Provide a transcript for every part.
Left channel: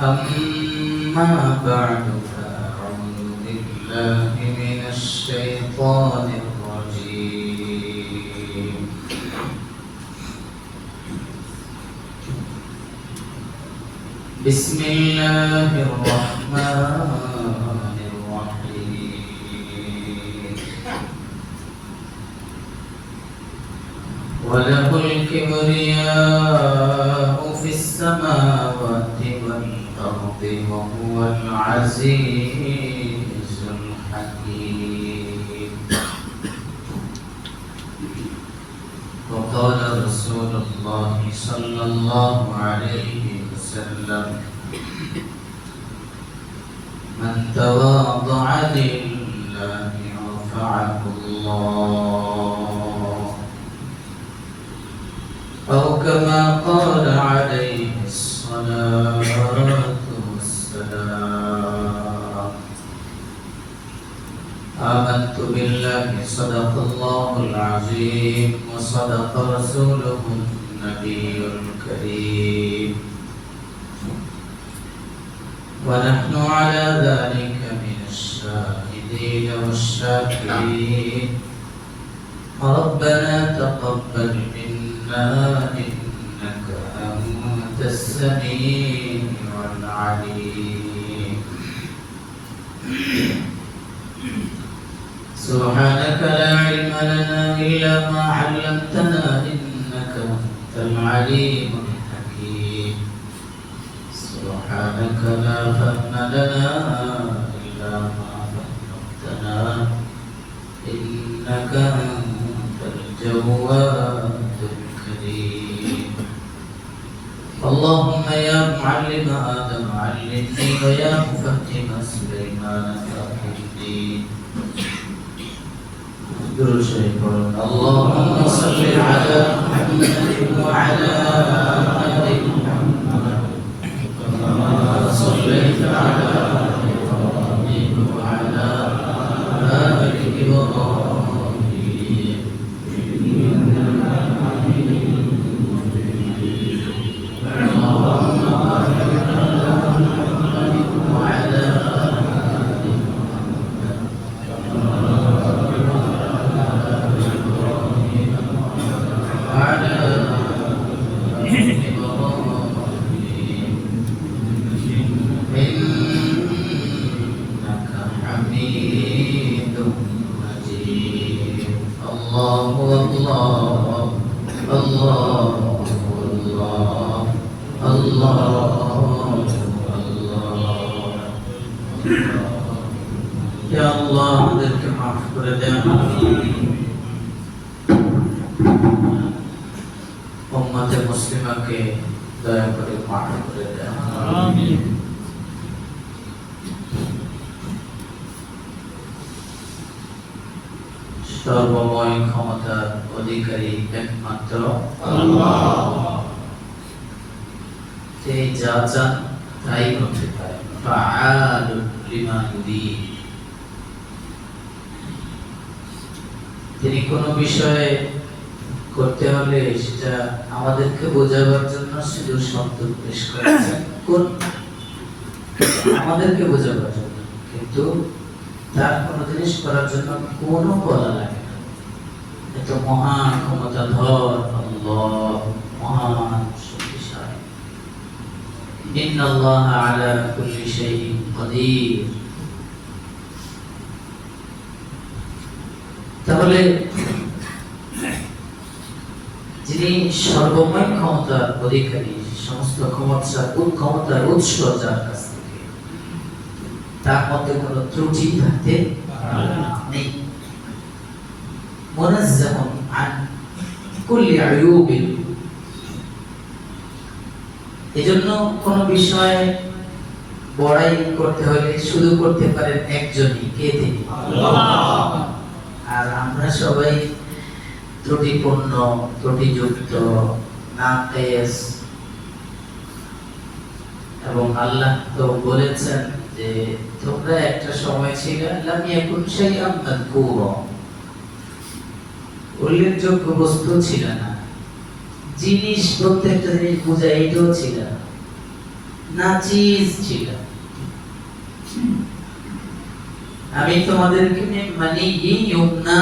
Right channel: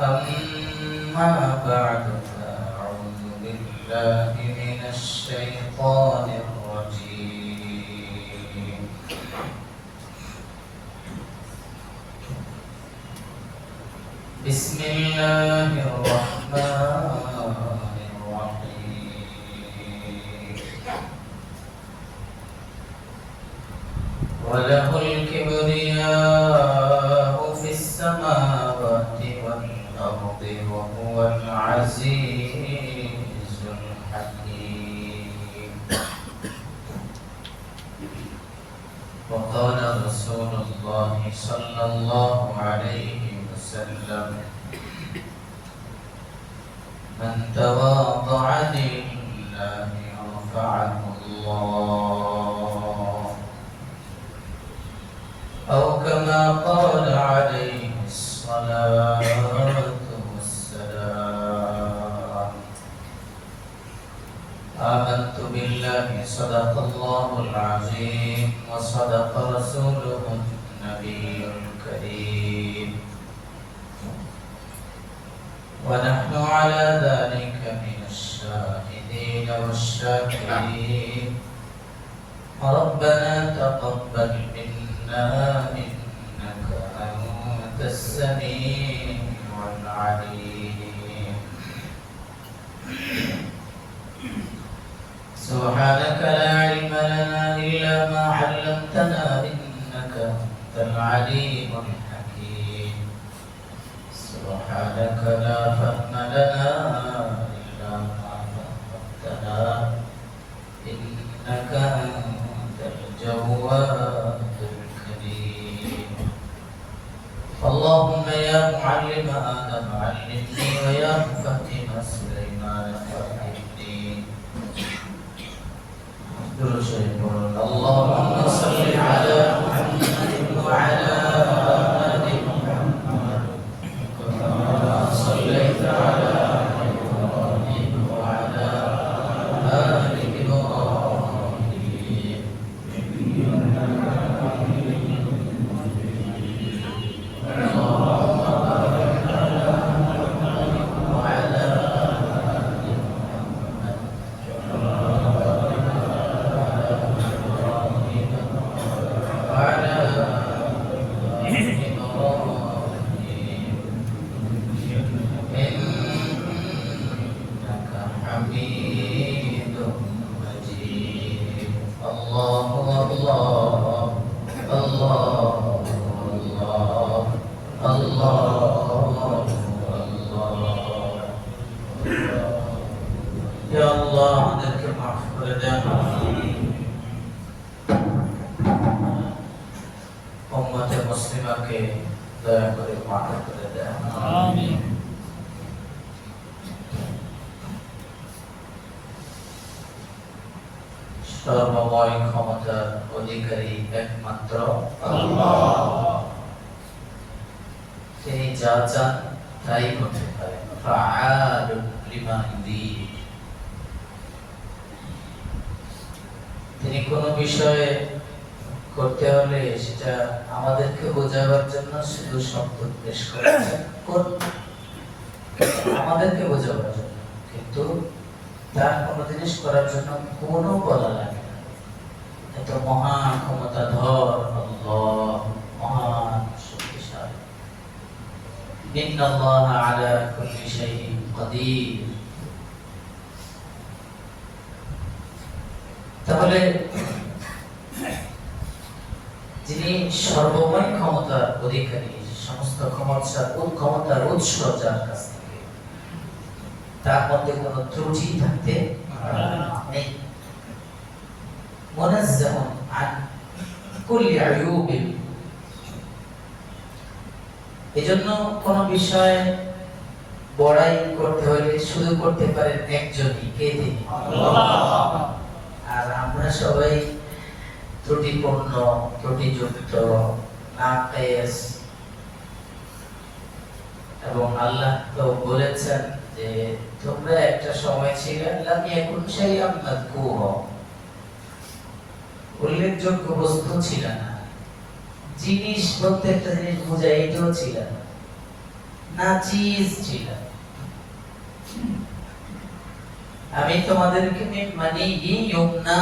أما بعد فأعوذ بالله من الشيطان الرجيم بسم الله الرحمن الرحيم وله الكبرياء في السماوات والأرض وهو العزيز الحكيم وقال رسول الله صلى الله عليه وسلم من تواضع لله رفعه الله أو كما قال عليه الصلاة والسلام آمنت بالله صدق الله العظيم وصدق رسوله النبي الكريم ونحن على ذلك من الشاهدين والشاكرين ربنا تقبل منا إنك أنت السميع العليم سبحانك لا علم لنا إلا ما علمتنا إنك أنت العليم الحكيم سبحانك لا فهم لنا إلا ما فهمتنا إنك أنت الجواد الكريم اللهم يا معلم آدم علمني ويا مفهم سليمان فهمني اللهم صل على محمد وعلى آل محمد كما صليت على إبراهيم وعلى آل إبراهيم إنك حميد مجيد اللهم بارك على محمد وعلى آل محمد كما وعلى آل إبراهيم إنك حميد مجيد الله الله الله الله الله الله يا الله আমাদেরকে মাফ করে দেন উম্মতে মুসলিমাকে দয়া করে মাফ করে দেন আমিন সর্বময় ক্ষমতার অধিকারী একমাত্র আল্লাহ তিনি যা চান তাই করতে পারেন ফাআলু লিমা ইউরিদ তিনি কোন বিষয়ে করতে হলে সেটা আমাদেরকে বোঝাবার জন্য শুধু শব্দ পেশ করেছেন কোন আমাদেরকে বোঝাবার জন্য কিন্তু তার কোনো জিনিস করার জন্য কোনো বলা লাগে না এত মহান ক্ষমতাধর আল্লাহ মহান শক্তিশালী ইন্নাল্লাহা আলা কুল্লি শাইইন কাদির তাহলে যিনি সর্বময় ক্ষমতার অধিকারী সমস্ত ক্ষমতার উৎস যার কাছ থেকে তার মধ্যে কোনো ত্রুটি থাকতে নেই মুনাজ্জাহুন আন কুল্লি আয়ুবিন এজন্য কোন বিষয় বড়াই করতে হলে শুরু করতে পারেন একজনই কে তিনি আল্লাহ আর আমরা সবাই ত্রুটিপূর্ণ ত্রুটিযুক্ত নাকিস এবং আল্লাহ তো বলেছেন যে তোমরা একটা সময় ছিল লাম ইয়াকুন শাইআন মাযকুরা উল্লেখযোগ্য বস্তু ছিল না জিনিস প্রত্যেকটা জিনিস বোঝায় এটাও ছিল না নাচিজ ছিল। আমি তোমাদেরকে মানে ইয়ুমনা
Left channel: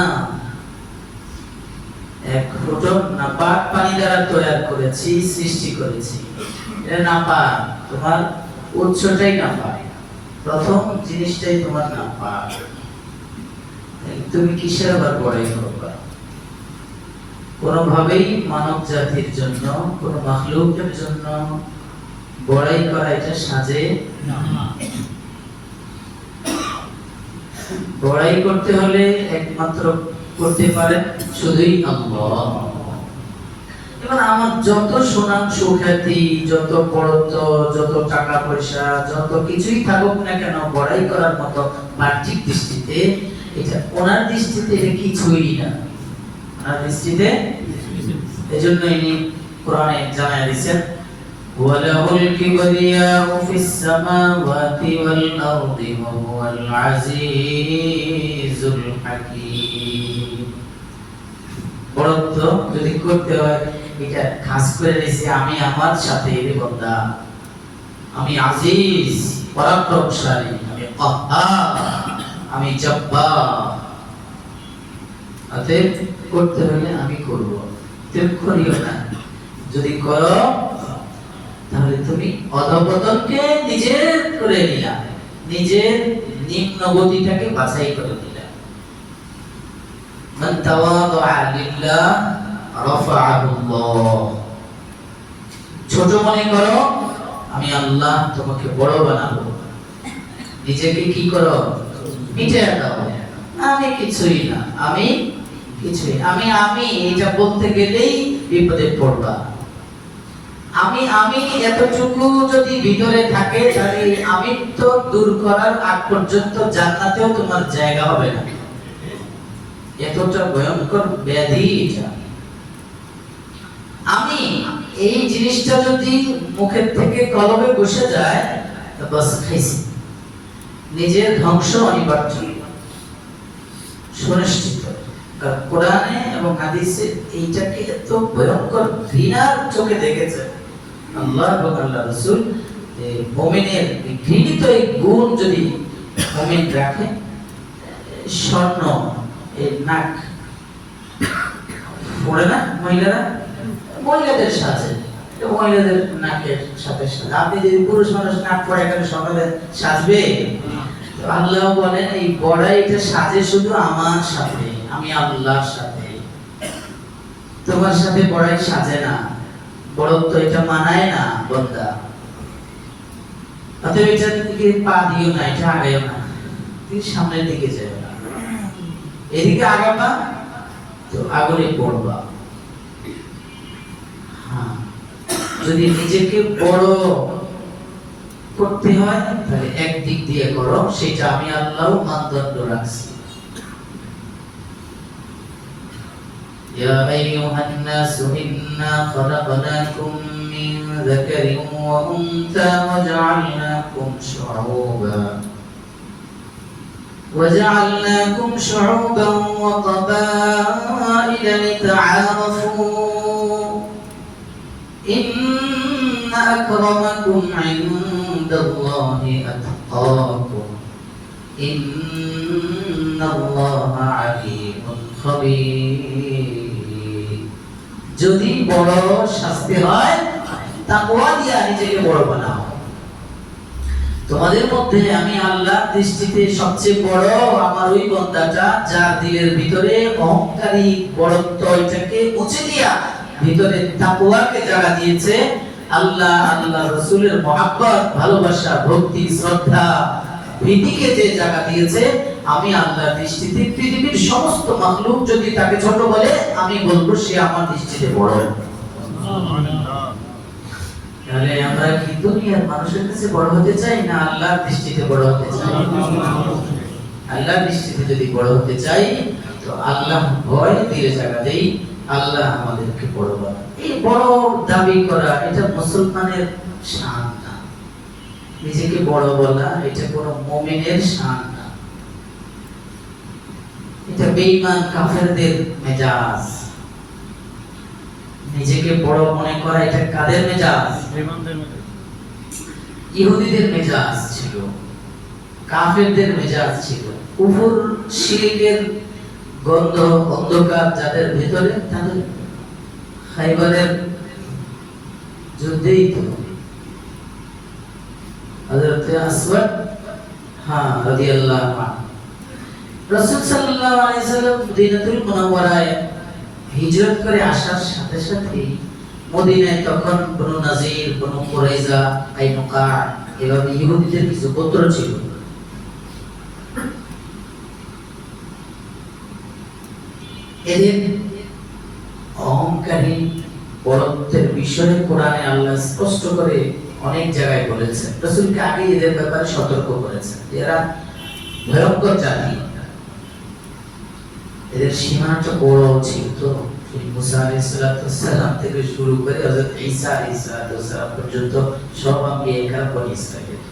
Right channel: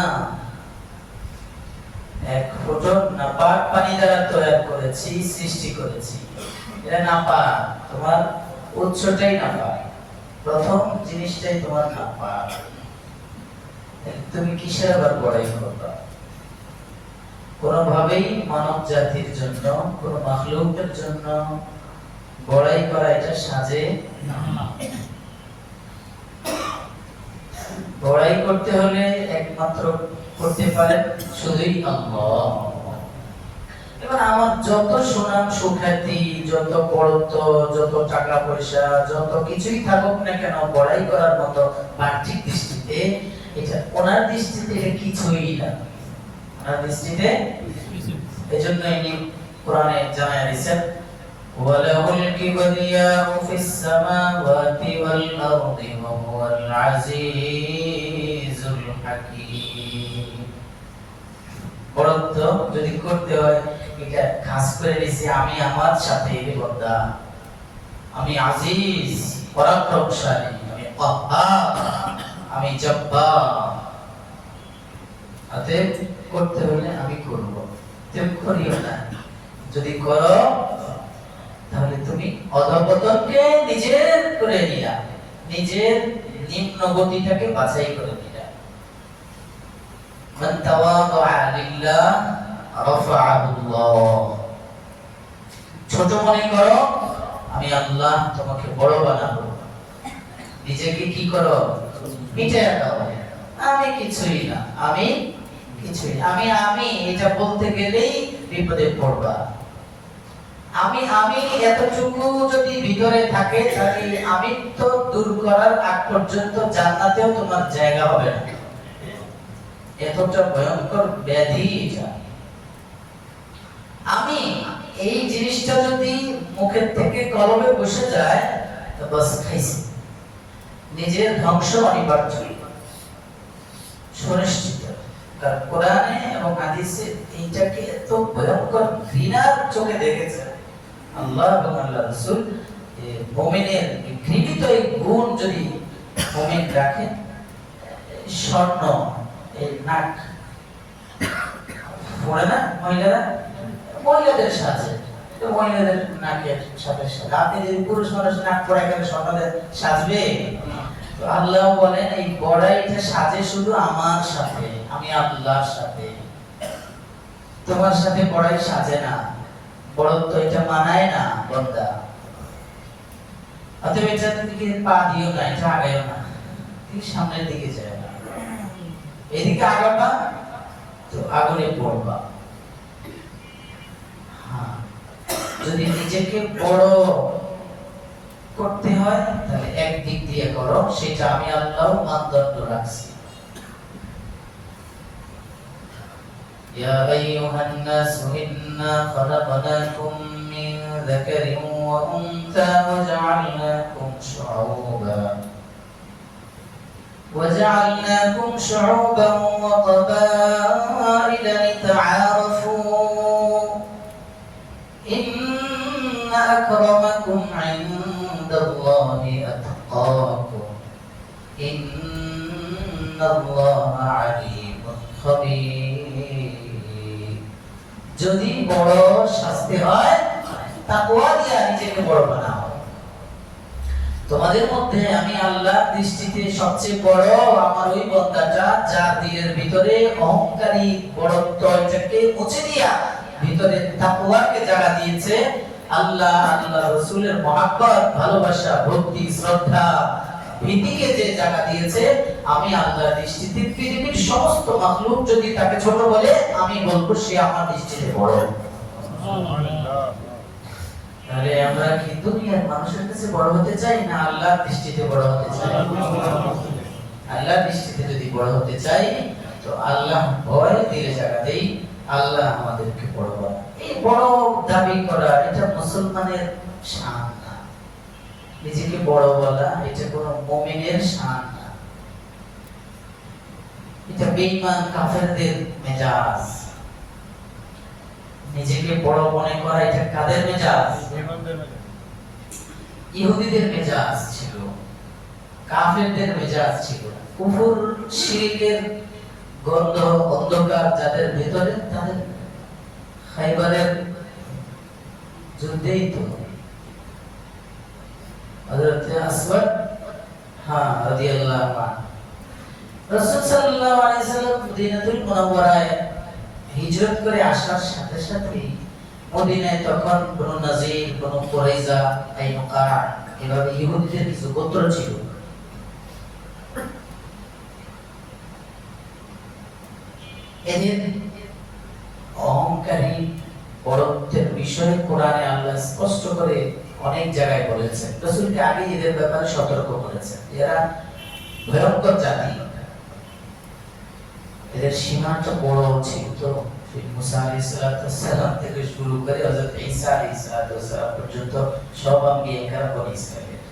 এক ফোঁটা নাপাক পানি দ্বারা তৈরি করেছি, সৃষ্টি করেছি। এটা নাপাক, তোমার উৎসটাই নাপাক, প্রথম জিনিসটাই তোমার নাপাক। তুমি কিসের আবার বড়াই করবা? কোনোভাবেই মানব জাতির জন্য, কোন মাখলুকের জন্য বড়াই করা এটা সাজে না। বড়াই করতে হলে একমাত্র করতে পারেন শুধুই আল্লাহ। এবার আমার যত সুনাম সুখ্যাতি, যত বড়ত্ব, যত টাকা পয়সা, যত কিছুই থাকুক না কেন, বড়াই করার মতো বাহ্যিক দৃষ্টিতে এটা ওনার দৃষ্টিতে এটা কিছুই না। ওনার দৃষ্টিতে এজন্য ইনি কোরআনে জানায় দিয়েছেন ওয়ালাহুল কিবরিয়াউ ফিস সামাওয়াতি ওয়াল আরদি ওয়া হুয়াল আজিজুল হাকীম। বড়ত্ব যদি করতে হয় এটা খাস করে নিছি আমি আমার সাথে, এর বান্দা আমি আজিজ পরাক্রমশালী, আমি কাহ্হার, আমি জব্বার। অতএব করতে হলে আমি করব, তুমি করিও না। যদি করো তাহলে তুমি অধঃপতনকে নিজের করে নিলা, নিজের নিম্ন গতিটাকে বাছাই করে নিলা। মান তাওয়াদা লিল্লাহ রাফাআহুল্লাহ। ছোট মনে করো, আমি আল্লাহ তোমাকে বড় বানাবো। নিজেকে কি করো? মিটিয়ে দাও, আমি কিছুই না, আমি কিছুই, আমি আমি এটা বলতে গেলেই বিপদে পড়বা। আমি এতটুকু যদি ভিতরে থাকে তাহলে আমি তো দূর করার আগ পর্যন্ত জান্নাতেও তোমার জায়গা হবে না। এতটা ভয়ঙ্কর ব্যাধি এটা। আমি এই জিনিসটা যদি মুখের থেকে কলবে বসে যায় তো বাস খাইছি, নিজের ধ্বংস অনিবার্য, সুনিশ্চিত। কারণ কোরআনে এবং হাদিসে এইটাকে এত ভয়ঙ্কর ঘৃণার চোখে দেখেছে আল্লাহ এবং আল্লাহ রাসূল। মুমিনের ঘৃণিত এই গুণ যদি মুমিন রাখে, স্বর্ণ এই নাক পড়ে না মহিলারা, মহিলাদের সাজে, মহিলাদের নাকের সাথে সাথে আপনি যদি পুরুষ মানুষ নাক পরে এখানে স্বর্ণ সাজবে? আল্লাহ বলেন এই বড়াইটা সাজে শুধু আমার সাথে, আমি আল্লাহর সাথে, তোমার সাথে বড়াই সাজে না। বড়ত্ব এটা মানায় না বন্দা। অতএব এটার দিকে পা দিও না, এটা আগাইও না, তুমি সামনের দিকে যাও না। এদিকে আগাবা তো আগুনে পড়বা। হ্যাঁ, যদি নিজেকে বড় করতে হয় তাহলে এক দিক দিয়ে করো, সেটা আমি আল্লাহ মানদণ্ড রাখছি। يا أيها الناس إنا خلقناكم من ذكر وأنثى وجعلناكم شعوبا وقبائل لتعارفوا إن أكرمكم عند الله أتقاكم إن الله عليم خبير। যদি বড় শাস্তি হয় তাকওয়া দিয়ে নিজেকে বড় বানাও। তোমাদের মধ্যে আমি আল্লাহর দৃষ্টিতে সবচেয়ে বড় আমার ওই বান্দাটা যার দিলের ভিতরে অহংকারী বড়ত্ব এটাকে মুছে দিয়া ভিতরে তাকওয়াকে জায়গা দিয়েছে। আল্লাহ আল্লাহ রাসূলের মহব্বত, ভালোবাসা, ভক্তি, শ্রদ্ধা, ভীতিকে যে জায়গা দিয়েছে, আমি আল্লাহর দৃষ্টিতে পৃথিবীর সমস্ত মাখলুক যদি তাকে ছোট বলে আমি বলবো সে আমার দৃষ্টিতে বড়। তাহলে আমরা কি দুনিয়ার মানুষের কাছে বড় হতে চাই না আল্লাহর দৃষ্টিতে বড় হতে চাই? আল্লাহর দৃষ্টিতে যদি বড় হতে চাই তো আল্লাহ ভয় দিলে জায়গা দেই, আল্লাহ আমাদেরকে বড় বানায়। এই বড় দাবি করা এটা মুসলমানের শান না। নিজেকে বড় বলা এটা কোনো মুমিনের শান না, এটা বেঈমান কাফেরদের মেজাজ। নিজেকে বড় মনে করা এটা কাদের মেজাজ? ইহুদিদের মেজাজ ছিল, কাফেরদের মেজাজ ছিল, কুফর শিরকের গন্ধ অন্ধকার যাদের ভেতরে, তাদের খাইবারের যুদ্ধেই তো হযরত আসওয়াদ রাদিয়াল্লাহু আনহু রাসূল সাল্লাল্লাহু আলাইহি সাল্লাম মদিনাতুল মুনাওয়ারায় হিজরত করে আসার সাথে সাথে মদিনায় তখন বনু নাজির, বনু কুরাইজা, কাইনুকা এভাবে ইহুদিদের কিছু গোত্র ছিল। এদের অহংকারী বড়ত্বের বিষয়ে কোরআনে আল্লাহ স্পষ্ট করে অনেক জায়গায় বলেছেন। রাসূলকে আগে এদের ব্যাপারে সতর্ক করেছেন, এরা ভয়ঙ্কর জাতি, এদের সীমাটা বড় ছিল। তো মুসা আলাইহিস সালাম থেকে শুরু করে হযরত ঈসা আলাইহিস সালাম পর্যন্ত সব আম্বিয়া বনি ইসরাঈল।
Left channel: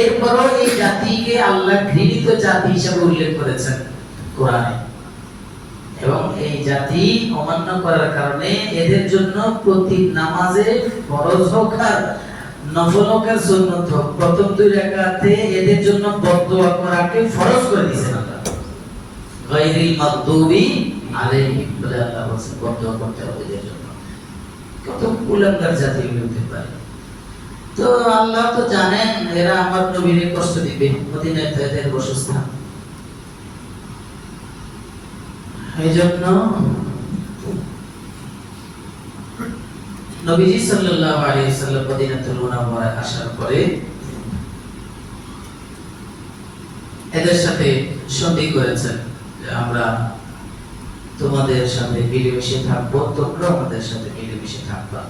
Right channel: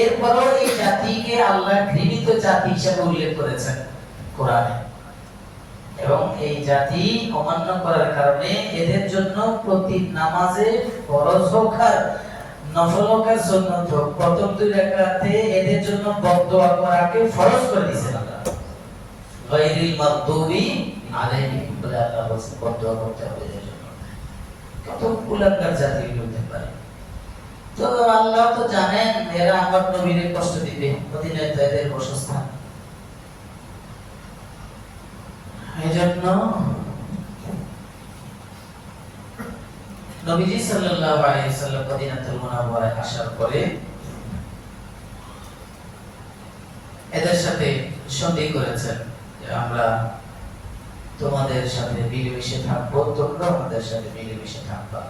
এরপরও এই জাতিকে আল্লাহ ঘৃণিত জাতি হিসেবে উল্লেখ করেছেন কোরআনে, এবং এই জাতি অমান্য করার কারণে এদের জন্য প্রতি নামাজে ফরজ হোক আর নফল হোক আর সুন্নত হোক, প্রথম 2 রাকাতে এদের জন্য বদদুয়া করাকে ফরজ করে দিয়েছেন আল্লাহ। গায়রিল মাগদুবি আলাইহিম বলে আল্লাহ বলেছেন, বদদুয়া করতে হবে এদের জন্য। কত কুলাঙ্গার জাতি হতে পারে। তো আল্লাহ তো জানেন এরা আমার নবীকে কষ্ট দিবে, মদিনায় তো এদের বাসস্থান। এইজন্য নবীজি সাল্লাল্লাহু আলাইহি ওয়াসাল্লাম মদিনাতুল মুনাওয়ারায় আসার পরে এদের সাথে সন্ধি করেছেন যে আমরা তোমাদের সাথে মিলেমিশে থাকবো, তোমরা আমাদের সাথে মিলেমিশে থাকবা,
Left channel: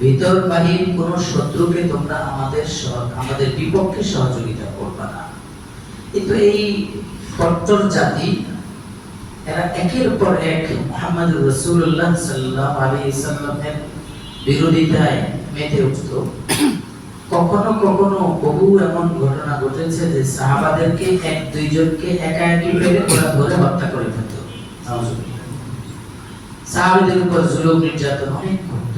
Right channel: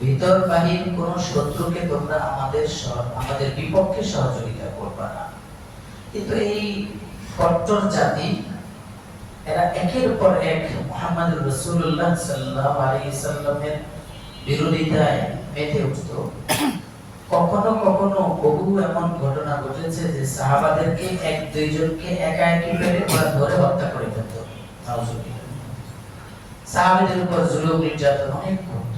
ভিতর বাহির কোন শত্রুকে তোমরা আমাদের বিপক্ষে সহযোগিতা করবা না। কিন্তু এই কট্টর জাতি এরা একের পর এক মুহাম্মদ রাসূলুল্লাহ সাল্লাল্লাহু আলাইহি সাল্লামের বিরোধিতায় মেতে উঠত। কখনো কখনো বহু এমন ঘটনা ঘটেছে যে সাহাবাদেরকে 1-2 জনকে একাকি পেরে ওরা ধরে হত্যা করে ফেলত। সাহাবীদের উপর জুলুম নির্যাতন অনেক করত।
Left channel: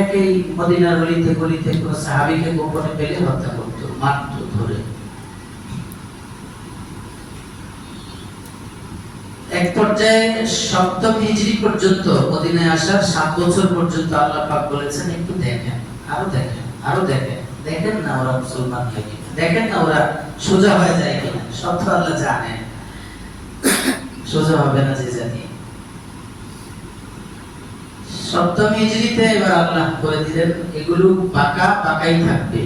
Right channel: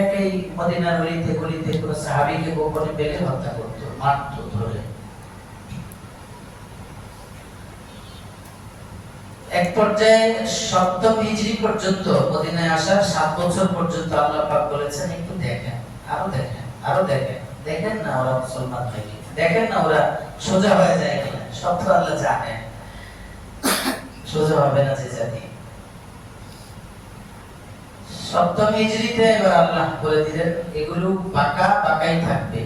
একই মদিনার গলিতে গলিতে কোন সাহাবীকে গোপনে পেলে হত্যা করত, মারত ধরে। এক পর্যায়ে 7ম হিজরি পর্যন্ত মদিনায় আসার 7 বছর পর্যন্ত আল্লাহ পাক বলেছেন একটু দেখেন, আরো দেখেন, আরো দেখেন, দেখেন না ওরা মুসলমান হয় কিনা, দেখেন না ওরা সোজা হয়ে যায় কিনা। সব তো আল্লাহ জানেন সোজা হবে না যে জাতি। 7ম হিজরিতে এবার আল্লাহ বলে দিলেন এগুলো পাকাই থাকবে,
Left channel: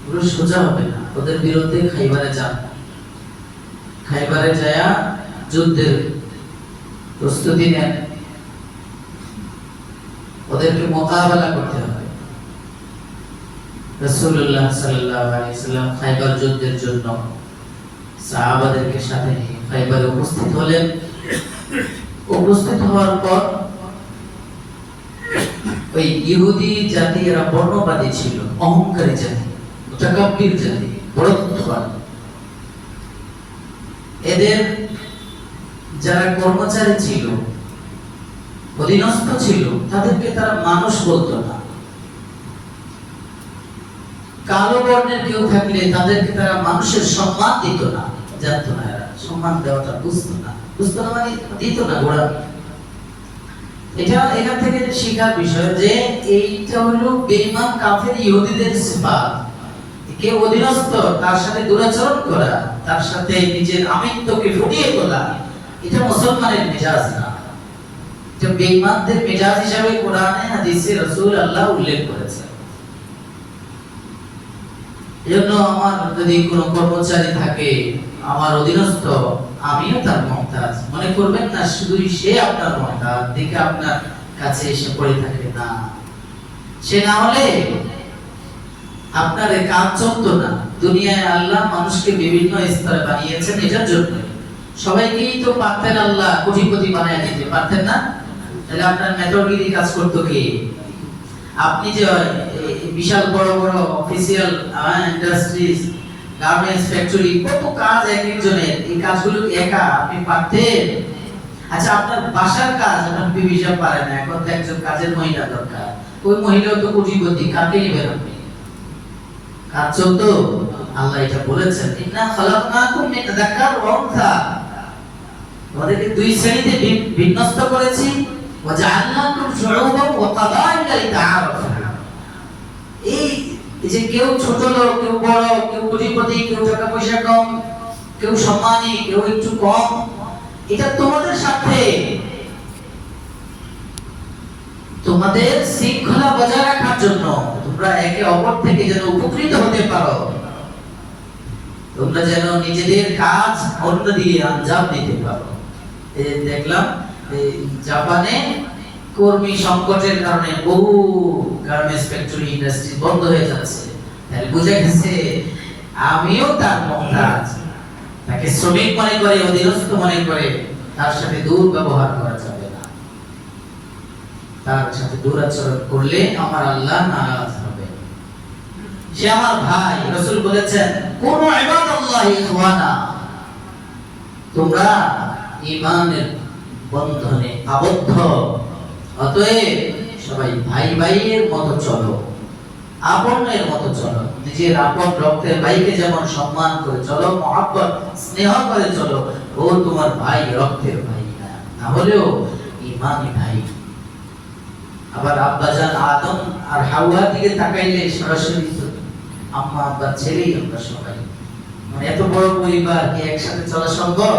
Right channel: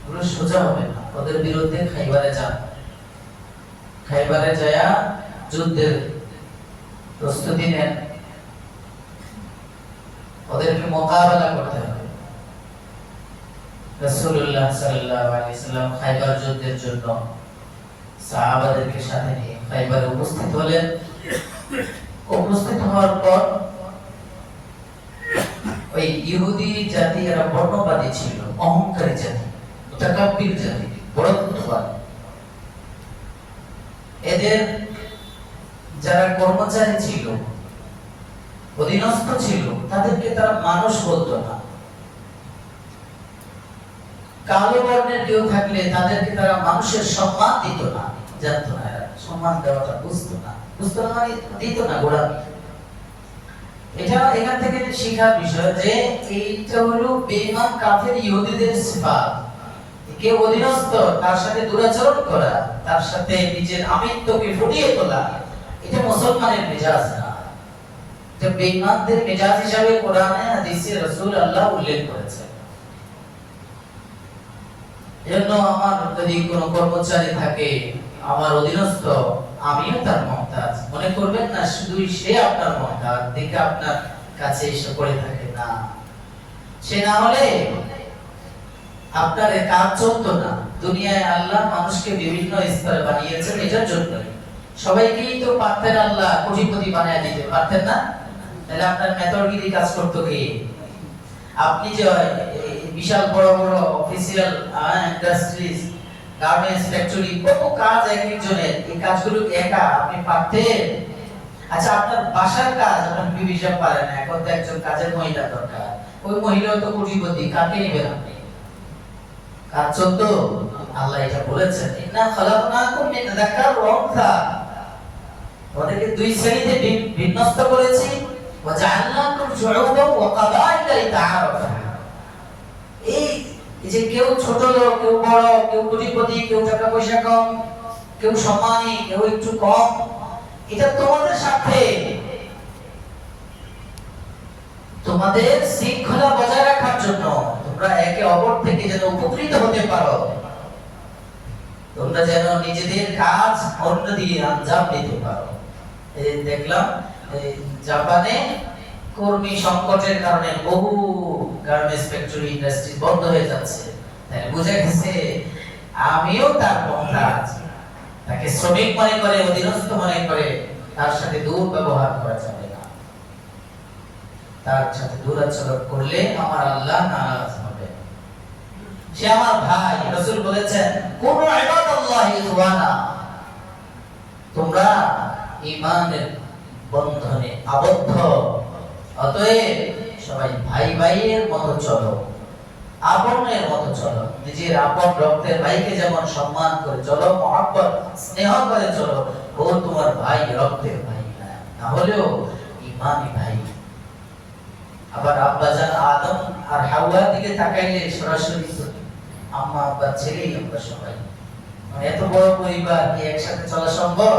এগুলো সোজা হবে না। ওদের বিরুদ্ধে খাইবারে যান, খাইবারে যায় যুদ্ধের প্রস্তুতি নেন, ওদেরকে মোকাবেলা করতে হবে। রাসূলুল্লাহ সাল্লাল্লাহু আলাইহি ওয়াসাল্লাম খাইবার যুদ্ধের জন্য সাহাবাদেরকে সাথে নিয়ে খাইবারে উপস্থিত হলেন। উপস্থিত হওয়ার পর ওই ইহুদি জাতি এরা বর্ণবাদী ছিল, অহংকারী জাতি, মুতাকাব্বির জাতি, বড়ত্ববাদী। এদের যারা কর্মচারী ছিল, অধীনস্থ ছিল, তাদেরকে তারা মানুষ বলতো না। কালো বর্ণের কেউ থাকলে তাদেরকে তারা মানুষের সম্মান দিত না, জানতো না, এরা সম্মান দেওয়াটা বুঝতো না মানে দিত না, গোড়ামি। এটা এখান থেকে শেখার বিষয় যে এইটা হলো বেঈমান কাফের ইহুদিদের সিফাত। কেউ অধীনস্থ, তার সাথে দুরাচরণ করা, তার সাথে নিজের আমিত্বকে ফুটিয়ে তোলা, এটা মুসলমানের মেজাজ না। এটা বেঈমানদের মেজাজ হিসাবে কোরআনে হাদিসে রাসূল আল্লাহ উল্লেখ করেছেন। এজন্য আমার যদি কোনো কর্মচারী থাকে, আমার অধীনস্থ, আমিও তার মুহতাজ মনে করবেন না, শুধুই সে আপনার মুহতাজ দেখে আপনার কাছে এসে পড়ে থাকে না। সে না হলে আপনার এই কাজ চলতো না। দুনিয়ায় আল্লাহ মানুষকে বিভিন্ন স্তরে বানিয়েছেন এটার জন্য। সবাইকেই তো পারতেন আল্লাহ কোটিপতি বানায় দিতে, পারতেন না? তাহলে আপনার মেথডগিরি কাজ করতো কে? আপনি যে বিশাল বড় বড় অফিসিয়াল ইন্ডাস্ট্রিজ, গার্মেন্টস ফ্যাক্টরি, কত কাজ একজনের, এই কাজগুলো একা আপনি পারতেন? আচ্ছা, আপনার বাসার কাজ আপনার বিবি সাহেব পারে না, এখন তো একজন কাজের মহিলা দরকার। ওই মহিলাও তো কোটিপতি, কাকে নেবেন আপনি? কাজ চলতো। আল্লাহ এটা বলেছেন, ইন্না খালাকনাকুম মিন যাকার ওয়া উনসা, তোমাদেরকে দুই শ্রেণীতে বিন্যস্ত করেছি, ওয়া জাআলনাকুম শুউবান ওয়া কাবাইলা লিতাআরাফু। এই যে কেউ ছোট লোক, কেউ বড়, কেউ কোটিপতি, কেউ টাকা পয়সা কম, কেউ সম্মানী, কেউ একটু কম, এটা তোমাদের সাথে তোমাদের শৃঙ্খলা বজায় রাখার জন্য, তোমরা একে অপর থেকে যেন উপকৃত হতে পারো, তোমরা যেন নিজেদের কাজ অন্য দিয়ে আঞ্জাম দিতে পারো। এই দেখলাম এই জাপানে কর্মী সংকটের কারণে বহু গার্মেন্টস ফ্যাক্টরি ইন্ডাস্ট্রি বন্ধ হয়ে যাচ্ছে। তাই বুঝে গেছে আমিও তার মুহতাজ, তাকে শ্রমিক মনে করে, অধীনস্থ মনে করে তার সাথে দুর্ব্যবহার করা যাবে না। তার সাথে দুরাচরণ করলে আমার আল্লাহ নারাজ হবে। সে আমার ভাই। রাসূল বলেছেন, কুনু ইবাদাল্লাহি ইখওয়ানা, তোমরা ঈমানের বন্ধনে আবদ্ধ, অতএব সবাই ভাই ভাইয়ের মতো চলো, আপনের মতো চলো। নিজের আপন রক্তের ভাইকে যেমন সম্মান করে চলো, মহব্বত স্নেহ করে চলো, ও তোমার ভাই, রক্তের ভাই না হলেও ঈমানি ভাই। আবার আব্বাজান আদম আর হাওয়ার দিকে তাকাইলে সরাসরি আম্মা আব্বার ছেলেই আমরা সবাই। মানে এত বড় পরিবার কি একসাথে চলা সম্ভব?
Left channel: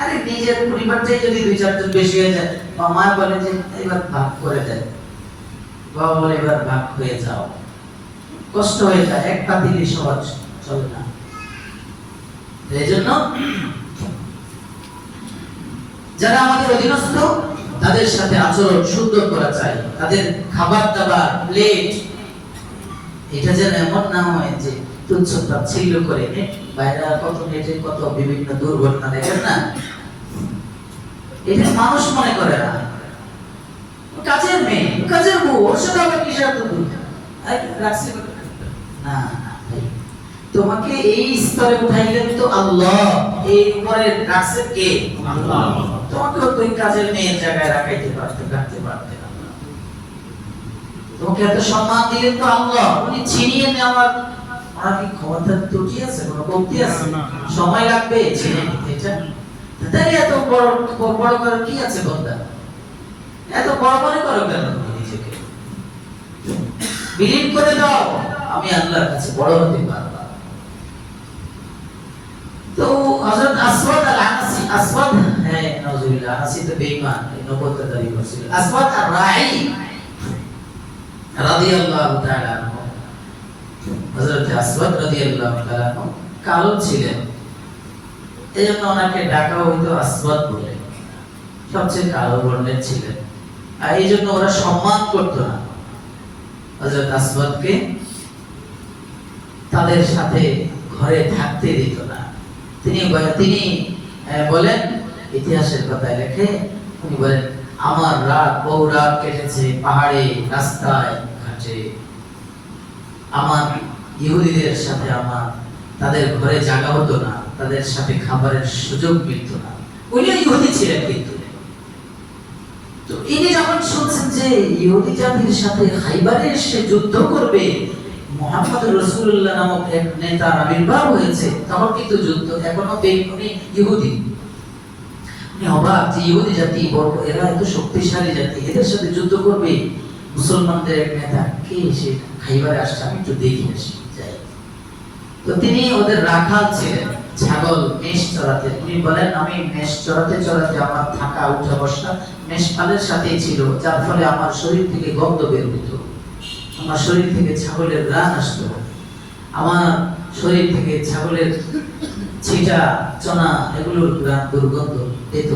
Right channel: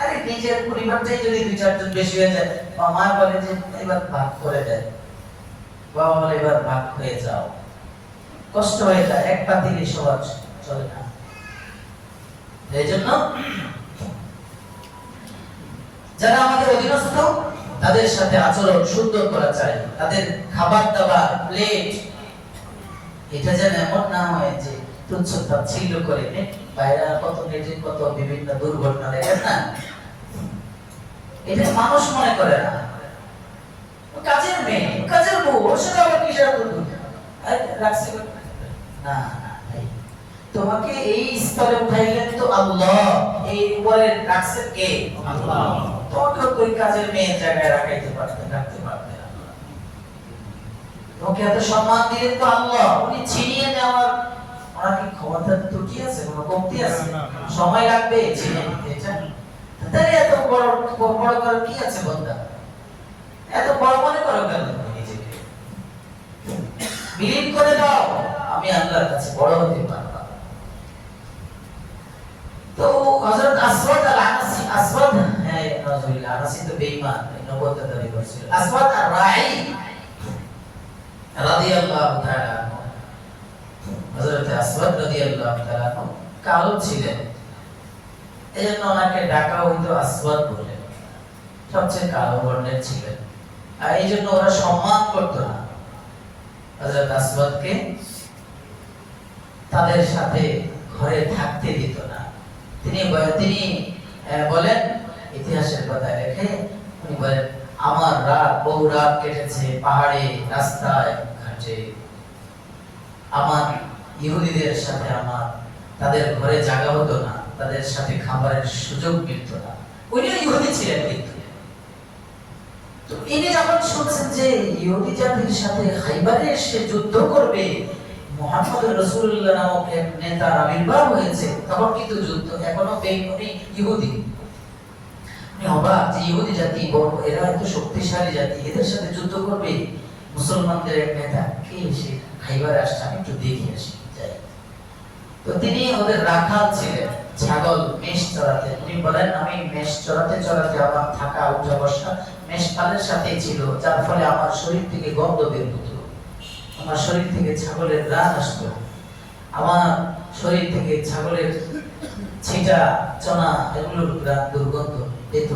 আরে নিজের পরিবারটাই যদি দুই চারজন বেশি হয়ে যায়, মা বলে যে এবার ভাগ করে দেয়, বাবা বলে এবার ভাগ হয়ে যাও, কষ্ট হয়ে যায়, এক পাতিলে সহজ চলে না। এই জন্য যারা আমাদের অধীনস্থ তাদের সাথে আচরণ সুন্দর করা চাই। তাদের খাবার দাবার প্লেট এটা যেন এমন না হয় যে তুচ্ছ তাচ্ছিল্য করে। বাইরে কত নেটে কত বিভিন্ন দুর্ঘটনা দেখেন না, এটা মানুষ মনে করে না। কাজের মেয়ে, কাজের বউ, ওর সাথে আবার কিসের রাখছি না। ভাই তোমাকে এই স্তরে উঠাইলেন তো আল্লাহ, এই উপরে রাখছেন কে? আল্লাহ। তোমাকে ওই কাজের মেয়ের জায়গায় রাখাইতে পারতেন, রাখতে পারতেন আল্লাহ। তোমাকে এত সম্মান দিলেন তো আল্লাহ, উনি ছিনিয়ে নেওয়ার ওনার কি ক্ষমতা ত্রুটি আছে, কোনো কমতি আছে? সময় লাগবে ছিনিয়ে নিতে এটা। তাই এত বড় বড় করার কি আছে বন্ধা? এত বড় মনে করো কেন নিজেকে? বিলীন করে দাও, আমি আল্লাহর কাছে বড় হতে পারবো। তো হযরত আসওয়াদ আল-আনাসি, আসওয়াদ হ্যাঁ নাউজুবিল্লাহ, আনাসি তো বেঈমান, নবুয়ত দাবি করছিল। আসওয়াদ আর-রাই রাদিয়াল্লাহু তাআলা আনহু, হযরত আসওয়াদ রাদিয়াল্লাহু তাআলা আনহু কালো ছিলেন, এজন্য ওনাকে ডাকা হইতো আসওয়াদ বলে, সবচেয়ে কালো বর্ণের ছিলেন। আর এই জন্য ওরা সম্মান করতো না হযরত আসওয়াদকে, তাদের সাথে ঘরে থাকতে দিত না। তিনি বলেন, ইতিহাসের পাতায় লেখে, উনি বলেন, আমার রাত বহু রাত কেটেছে পাহাড়ে, রাস্তায়, ঘাটে। আমার ইহুদিদের সাথে আমার তাদের ঘরে জায়গা হতো না, তাদের সাথে খাবারের সুযোগ মিলত না। উনি ইহুদি ছিলেন কিন্তু। তো ইনি যখন শুনছেন যে ইহুদি জাতির সাথে খাইবারে এসে যুদ্ধ করবে, মুহাম্মদ রাসূলুল্লাহ নামক এক নেতার আবির্ভাব হয়েছে, তখন কিন্তু যুদ্ধ এখনো উনি ইহুদি। উনি অবাক যে ইহুদি জাতি বড়, এরা এত শক্তিশালী জাতি, এদের সাথে যুদ্ধ করবে মুসলমানদের এক নেতা, কে সে খাইবারে আসছে, আমি একটু দেখে আসি যাই। তো তিনি ওদের রাখাল ছিলেন, ছাগল মেষ চড়াতে। উনি বলেন, আমি মেষ চড়াতে চড়াতে আমার থাকা উঠা বসা মেষ পালের সাথেই ছিল, যার ফলে আমার শরীর থেকে গন্ধ বের হতো, আমার শরীর থেকে ছাগলের ঘ্রাণ আসতো, আমার শরীর থেকে ছাগলের ছিটা চনা এগুলোর ঘ্রাণ দুর্গন্ধ পেত।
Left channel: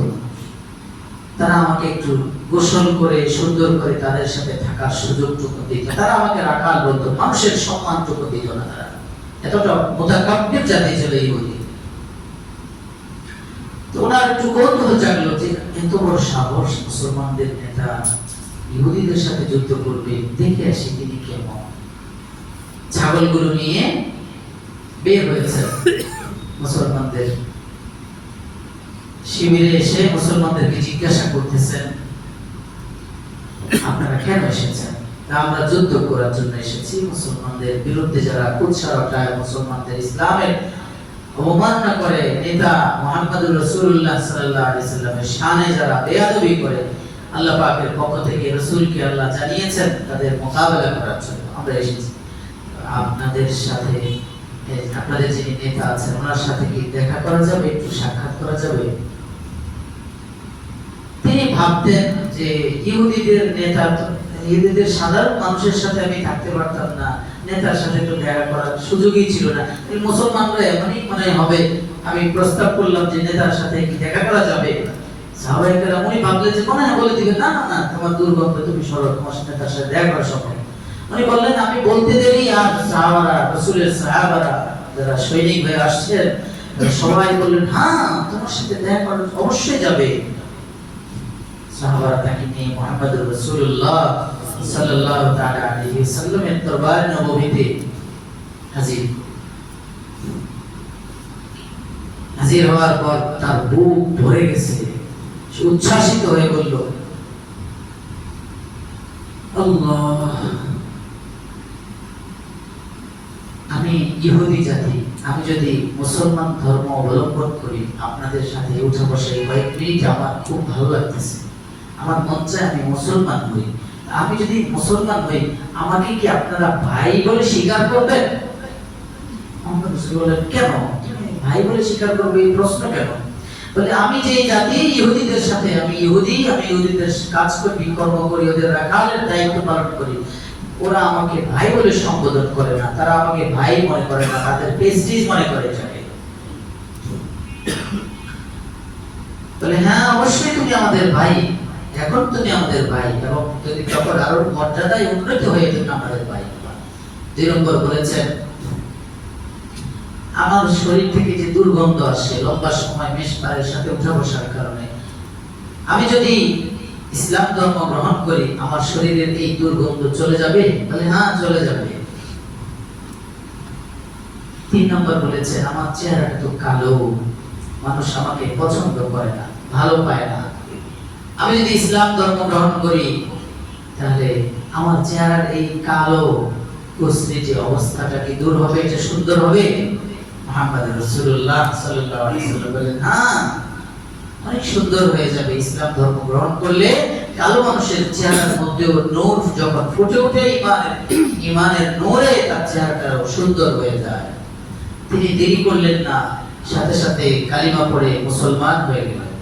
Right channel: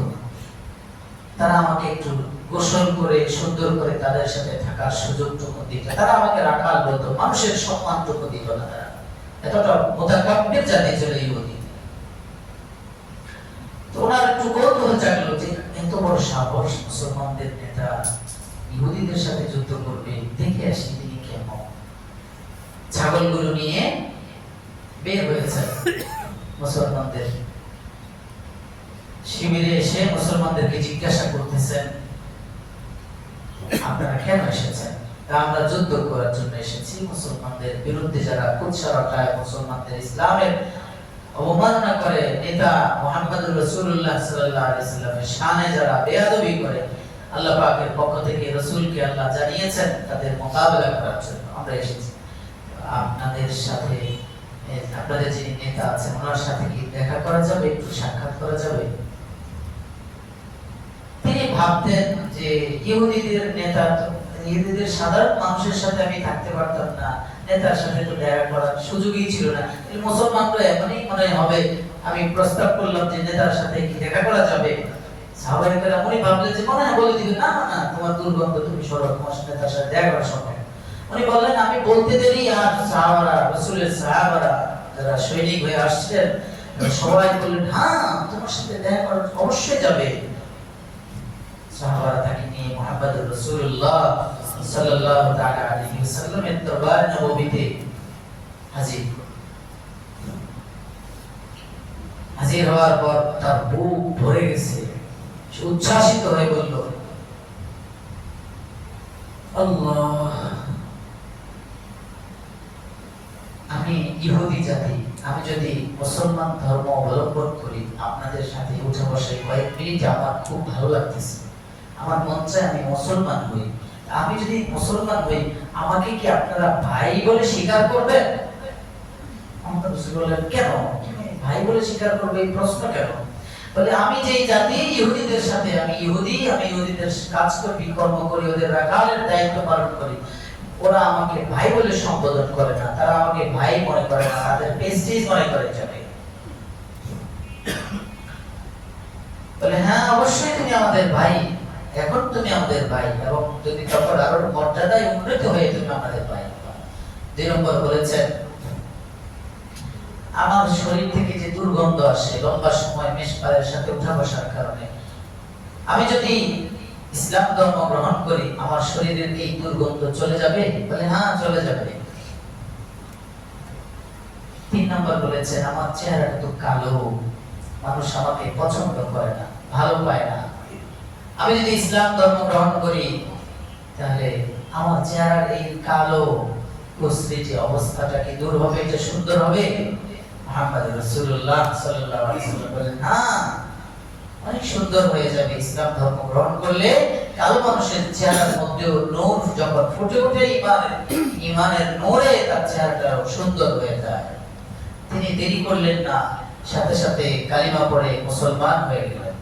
তারা আমাকে একটু গোসল করে সুন্দর করে তাদের সাথে থাকার সুযোগটুকু দিত, তারা আমাকে রাখাল বলতো, মানুষের সম্মানটুকু দিত না। তারা এতটা মোতাকাব্বির জাতি ছিল ইহুদি। তো ওনার একটু কৌতূহল জাগলো যে এত বড় সাহস, মুসলমানদের নেতা ইহুদিদের সাথে যুদ্ধ করবে, দেখে আসি তিনি কেমন। ছাগলগুলো নিয়ে বের হয়েছে মুসলমানদের শিবিরে এসে মুসলমানদেরকে জিজ্ঞাসা করতেছেন, আপনারা কেন এসেছেন? আমরা যুদ্ধ করার জন্য এসেছি, মুসলমানদের বিরুদ্ধে যারা কুৎসা রটায়, মুসলমানদের ইসলামের অবমাননা করে, নেতা মুহাম্মদুর রাসূলুল্লাহ সাল্লাল্লাহু আলাইহি ওয়াসাল্লামের শানে যারা বেয়াদবি করে, আল্লাহ পাকের পক্ষ থেকে রাসূলকে আল্লাহ জানিয়েছেন তাদের মোকাবেলা করার জন্য আমরা এসেছি। আপনাদের সাথে আপনাদের যিনি নেতা আছেন ওনার সাথে কি দেখা করা যাবে, একটু সাক্ষাৎ করা যাবে? তিনি ভাবতেন যে ইহুদিদের নেতা, ইহুদিদের সাধারণ মানুষের সাথে আমি থাকতে পারতাম না, নেতার সাথে একটু দেখা করার সুযোগই ছিল না। এই মুসলমানরা এমনই মনে হবে, আমি প্রস্তাব করলাম যে নেতার সাথে কি দেখা করা যাবে। সাহাবায়ে উনি ভাবলেন যে মনে হয় বলে দিবেন, না না না তোমার দুর্গন্ধ, তুমি সরো, তোমার নেতার সাথে দেখা করা সম্ভব। উনি বললেন আমি বলতে দেরি, আর সাহাবারা, রাসূলের সাহাবারা যারা সৈনিক হয়ে আসছেন সবাই বললেন হ্যাঁ তোমার সাথে দেখা করা অবশ্যই যাবে। সাহাবারা তাকে নিয়ে মুহাম্মদুর রাসূলুল্লাহ সাল্লাল্লাহু তাআলা আলাইহি ওয়াসাল্লামের দরবার নববীতে হাজির হওয়ার পর তার বুক ভরে গেছে, সে উচ্ছ্বাসিত হয়ে বলল আল্লাহ, আমি ইহুদি জাতি, আমি যদি মুসলমান ধর্ম অবলম্বন করি আপনাদের সাথে উঠে বসে কয়েক মিনিট আমার খুব ভালো লাগতেছে, আমার মন চায় আমি মুসলমান হই। আমি যদি মুসলমান হই আমাকে কি আপনারা ভাই বলে স্বীকার করবেন? মুহাম্মদ রাসূল বললেন কেন ভাই বলে স্বীকার করবে, এই প্রশ্ন কেন? বলে আমি যে জাতি ইহুদিদের সাথে, আমি ইহুদি, আমি ইহুদিদের কাজ করি, কর্ম করি, ওদের রাখালের দায়িত্ব পালন করি, ওরা আমাকে ভাই বলে সম্বোধন করে না, তারা আমাকে ভাই মনে করে না, তাদের প্রেস্টিজ মনে করে যাবে। বলে হ্যাঁ অবশ্যই তুমি আমাদের ভাই, এখন তুমি আমাদের ভাই, এবং যদি তারপর আরো মর্যাদায় উন্নত হয়ে তুমি আমাদের ভাই। 2 নম্বর বলেছেন আমার শরীর থেকে যে দুর্গন্ধ আসে লম্বা সময় মেশপারের সাথে উঠা বসার কারণে, আমি যদি ইসলাম ধর্ম গ্রহণ করি আমার শরীরের এই দুর্গন্ধ চলে যাবে? বলে হ্যাঁ চলে যাবে। 3 নম্বর বলেছেন আমার চেহারাটা তো কালো, মানুষ আমাকে পছন্দ করে না, ভালো পায় না, আমি যদি ইসলাম ধর্ম গ্রহণ করি তাহলে আমার চেহারার এই কালো কুচরি যে অবস্থাটা কি দূর হবে, যে সুন্দর হবে? মুহাম্মদ রাসূলুল্লাহ সাল্লাল্লাহু আলাইহি ওয়াসাল্লাম বলেন হ্যাঁ অনেক সুন্দর হয়ে যাবে। ইসলাম ধর্ম গ্রহণ করলে কালো মানুষের চেহারার মধ্যে নূর যখন ফুটে ওঠে, ঈমানের নূরে তার চেহারাটা সুন্দর হয়ে যায়। তিনি দেরি করলেন না, সাথে সাথে কালিমা পড়ে মুসলমান হয়ে গেলেন।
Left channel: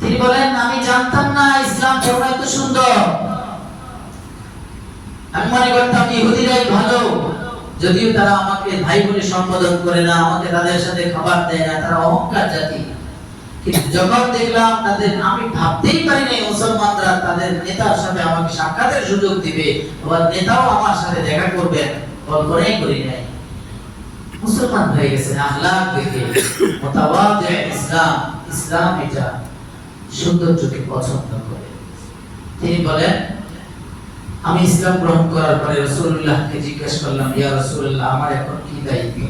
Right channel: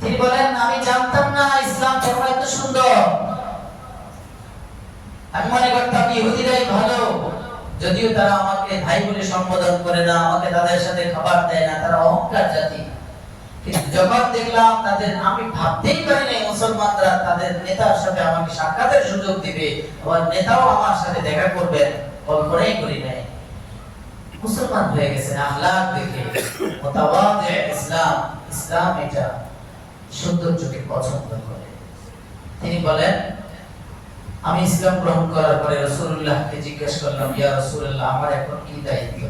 তিনি বলেন আমি জানতাম না ইসলাম ধর্ম এত সুন্দর, আমি মনে করতাম ইহুদিরাই ভালো, যদিও তারা আমাকে ভাই বলে সম্বোধন করে না, আমাকে তাদের সাথে খাবার দেয় না, তারা অহংকার জাতি। কিন্তু যখন দেখলাম তাদের, আমি ভাবতেই পারি নাই মুসলমানরা তাদের নেতার সাথে আমাকে সাক্ষাতের সুযোগ দিবে, আবার নেতাও আমার সাথে দেখা করবেন, কল্পনাই করি নাই। মুসলমান হয়ে গেছে আখলাক দেখে, মুতাওয়াদি ইসলাম, ইসলাম এটা সৌন্দর্যকে পছন্দ করে। তিনি বলেন আমি ইসলাম গ্রহণ করার পরে রাসূলুল্লাহকে জিজ্ঞেস করলাম ইয়া রাসূলুল্লাহ আমার এখন কি দায়িত্ব,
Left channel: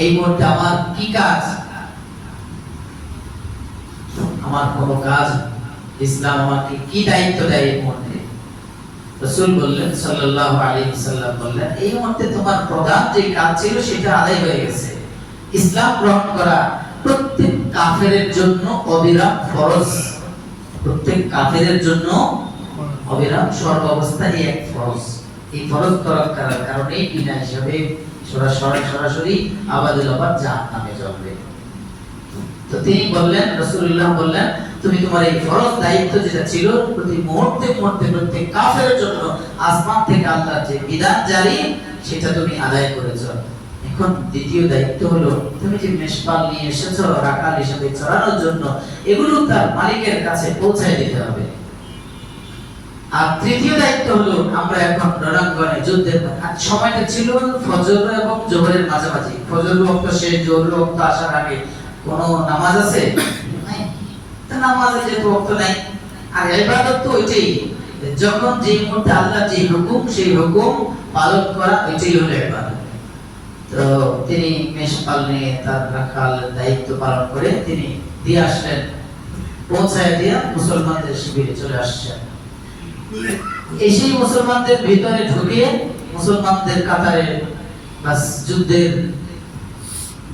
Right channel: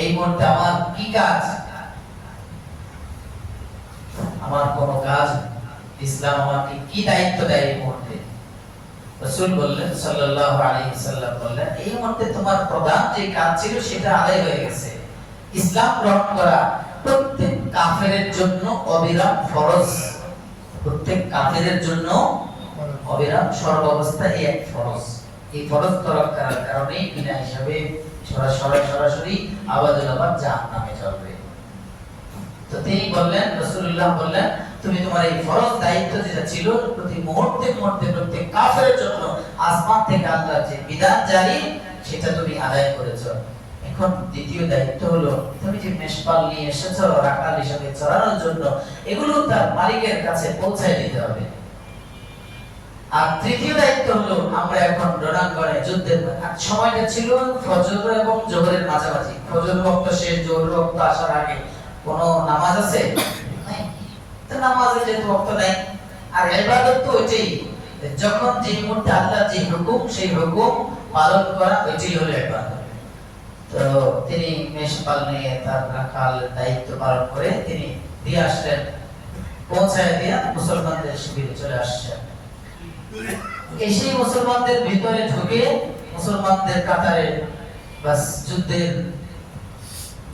এই মুহূর্তে আমার কি কাজ? আমার কোনো কাজ, ইসলাম আমাকে কি দায়িত্ব দেয় এই মুহূর্তে? রাসূল বললেন সাল্লাল্লাহু আলাইহি ওয়াসাল্লাম বললেন এই মুহূর্তে তোমার প্রধান যে কাজ ছিল সেটা আদায় হয়ে গেছে। ইসলাম গ্রহণ করা প্রত্যেক কাফেরের জন্য অবিরাম ফরজ, প্রত্যেক কাফেরের জন্য অবিরাম সর্বাবস্থায় এক ফরজ। এই ফরজ তরক করার কারণে বিনা হিসাবে সরাসরি আবাদুল আবাদ জাহান্নামে যাবে। তো তিনি বললেন, রাসূলুল্লাহ বললেন তুমি তোমার এই ফরজ দায়িত্ব যেটা ছিল প্রতি মুহূর্তে প্রত্যেক কাফেরের জন্য আসমান থেকে আল্লাহর যে বিধান জারি সেটা তুমি আদায় করেছো। এখন দ্বিতীয় দায়িত্ব হলো তুমি যে মেষপাল নিয়ে এসেছো রাখাল হিসেবে চড়ানোর জন্য, এগুলো তার মালিকের কাছে পৌঁছায় দিতে হবে। আর তৃতীয় দায়িত্ব হলো আমরা এখন রণাঙ্গনে যুদ্ধের সময়টা ছিল ফজর এবং জোহরের মাঝামাঝি, ফজর ওয়াক্ত শেষ, জোহরের ওয়াক্ত আসার আগে কোনো নামাজ আছে? নাই। তো নামাজের যে ওয়াক্ত নাই, আর ইবাদত তো ওইটাই, যখন যে মুহূর্তে আল্লাহ যে হুকুম সেই হুকুম পালন করা, ওইটাই হলো ইবাদত। তো তিনি মেষপাল নিয়ে তার রাখাল দায়িত্ব পালন করে তিনি দিয়ে আসলেন পৌঁছায় দিয়া মুসলমানদের শিবিরে চলে আসছেন। এসে মুসলমানদের ভিতরে ঢুকে মুসলমানদের কাতারে বাস যুদ্ধের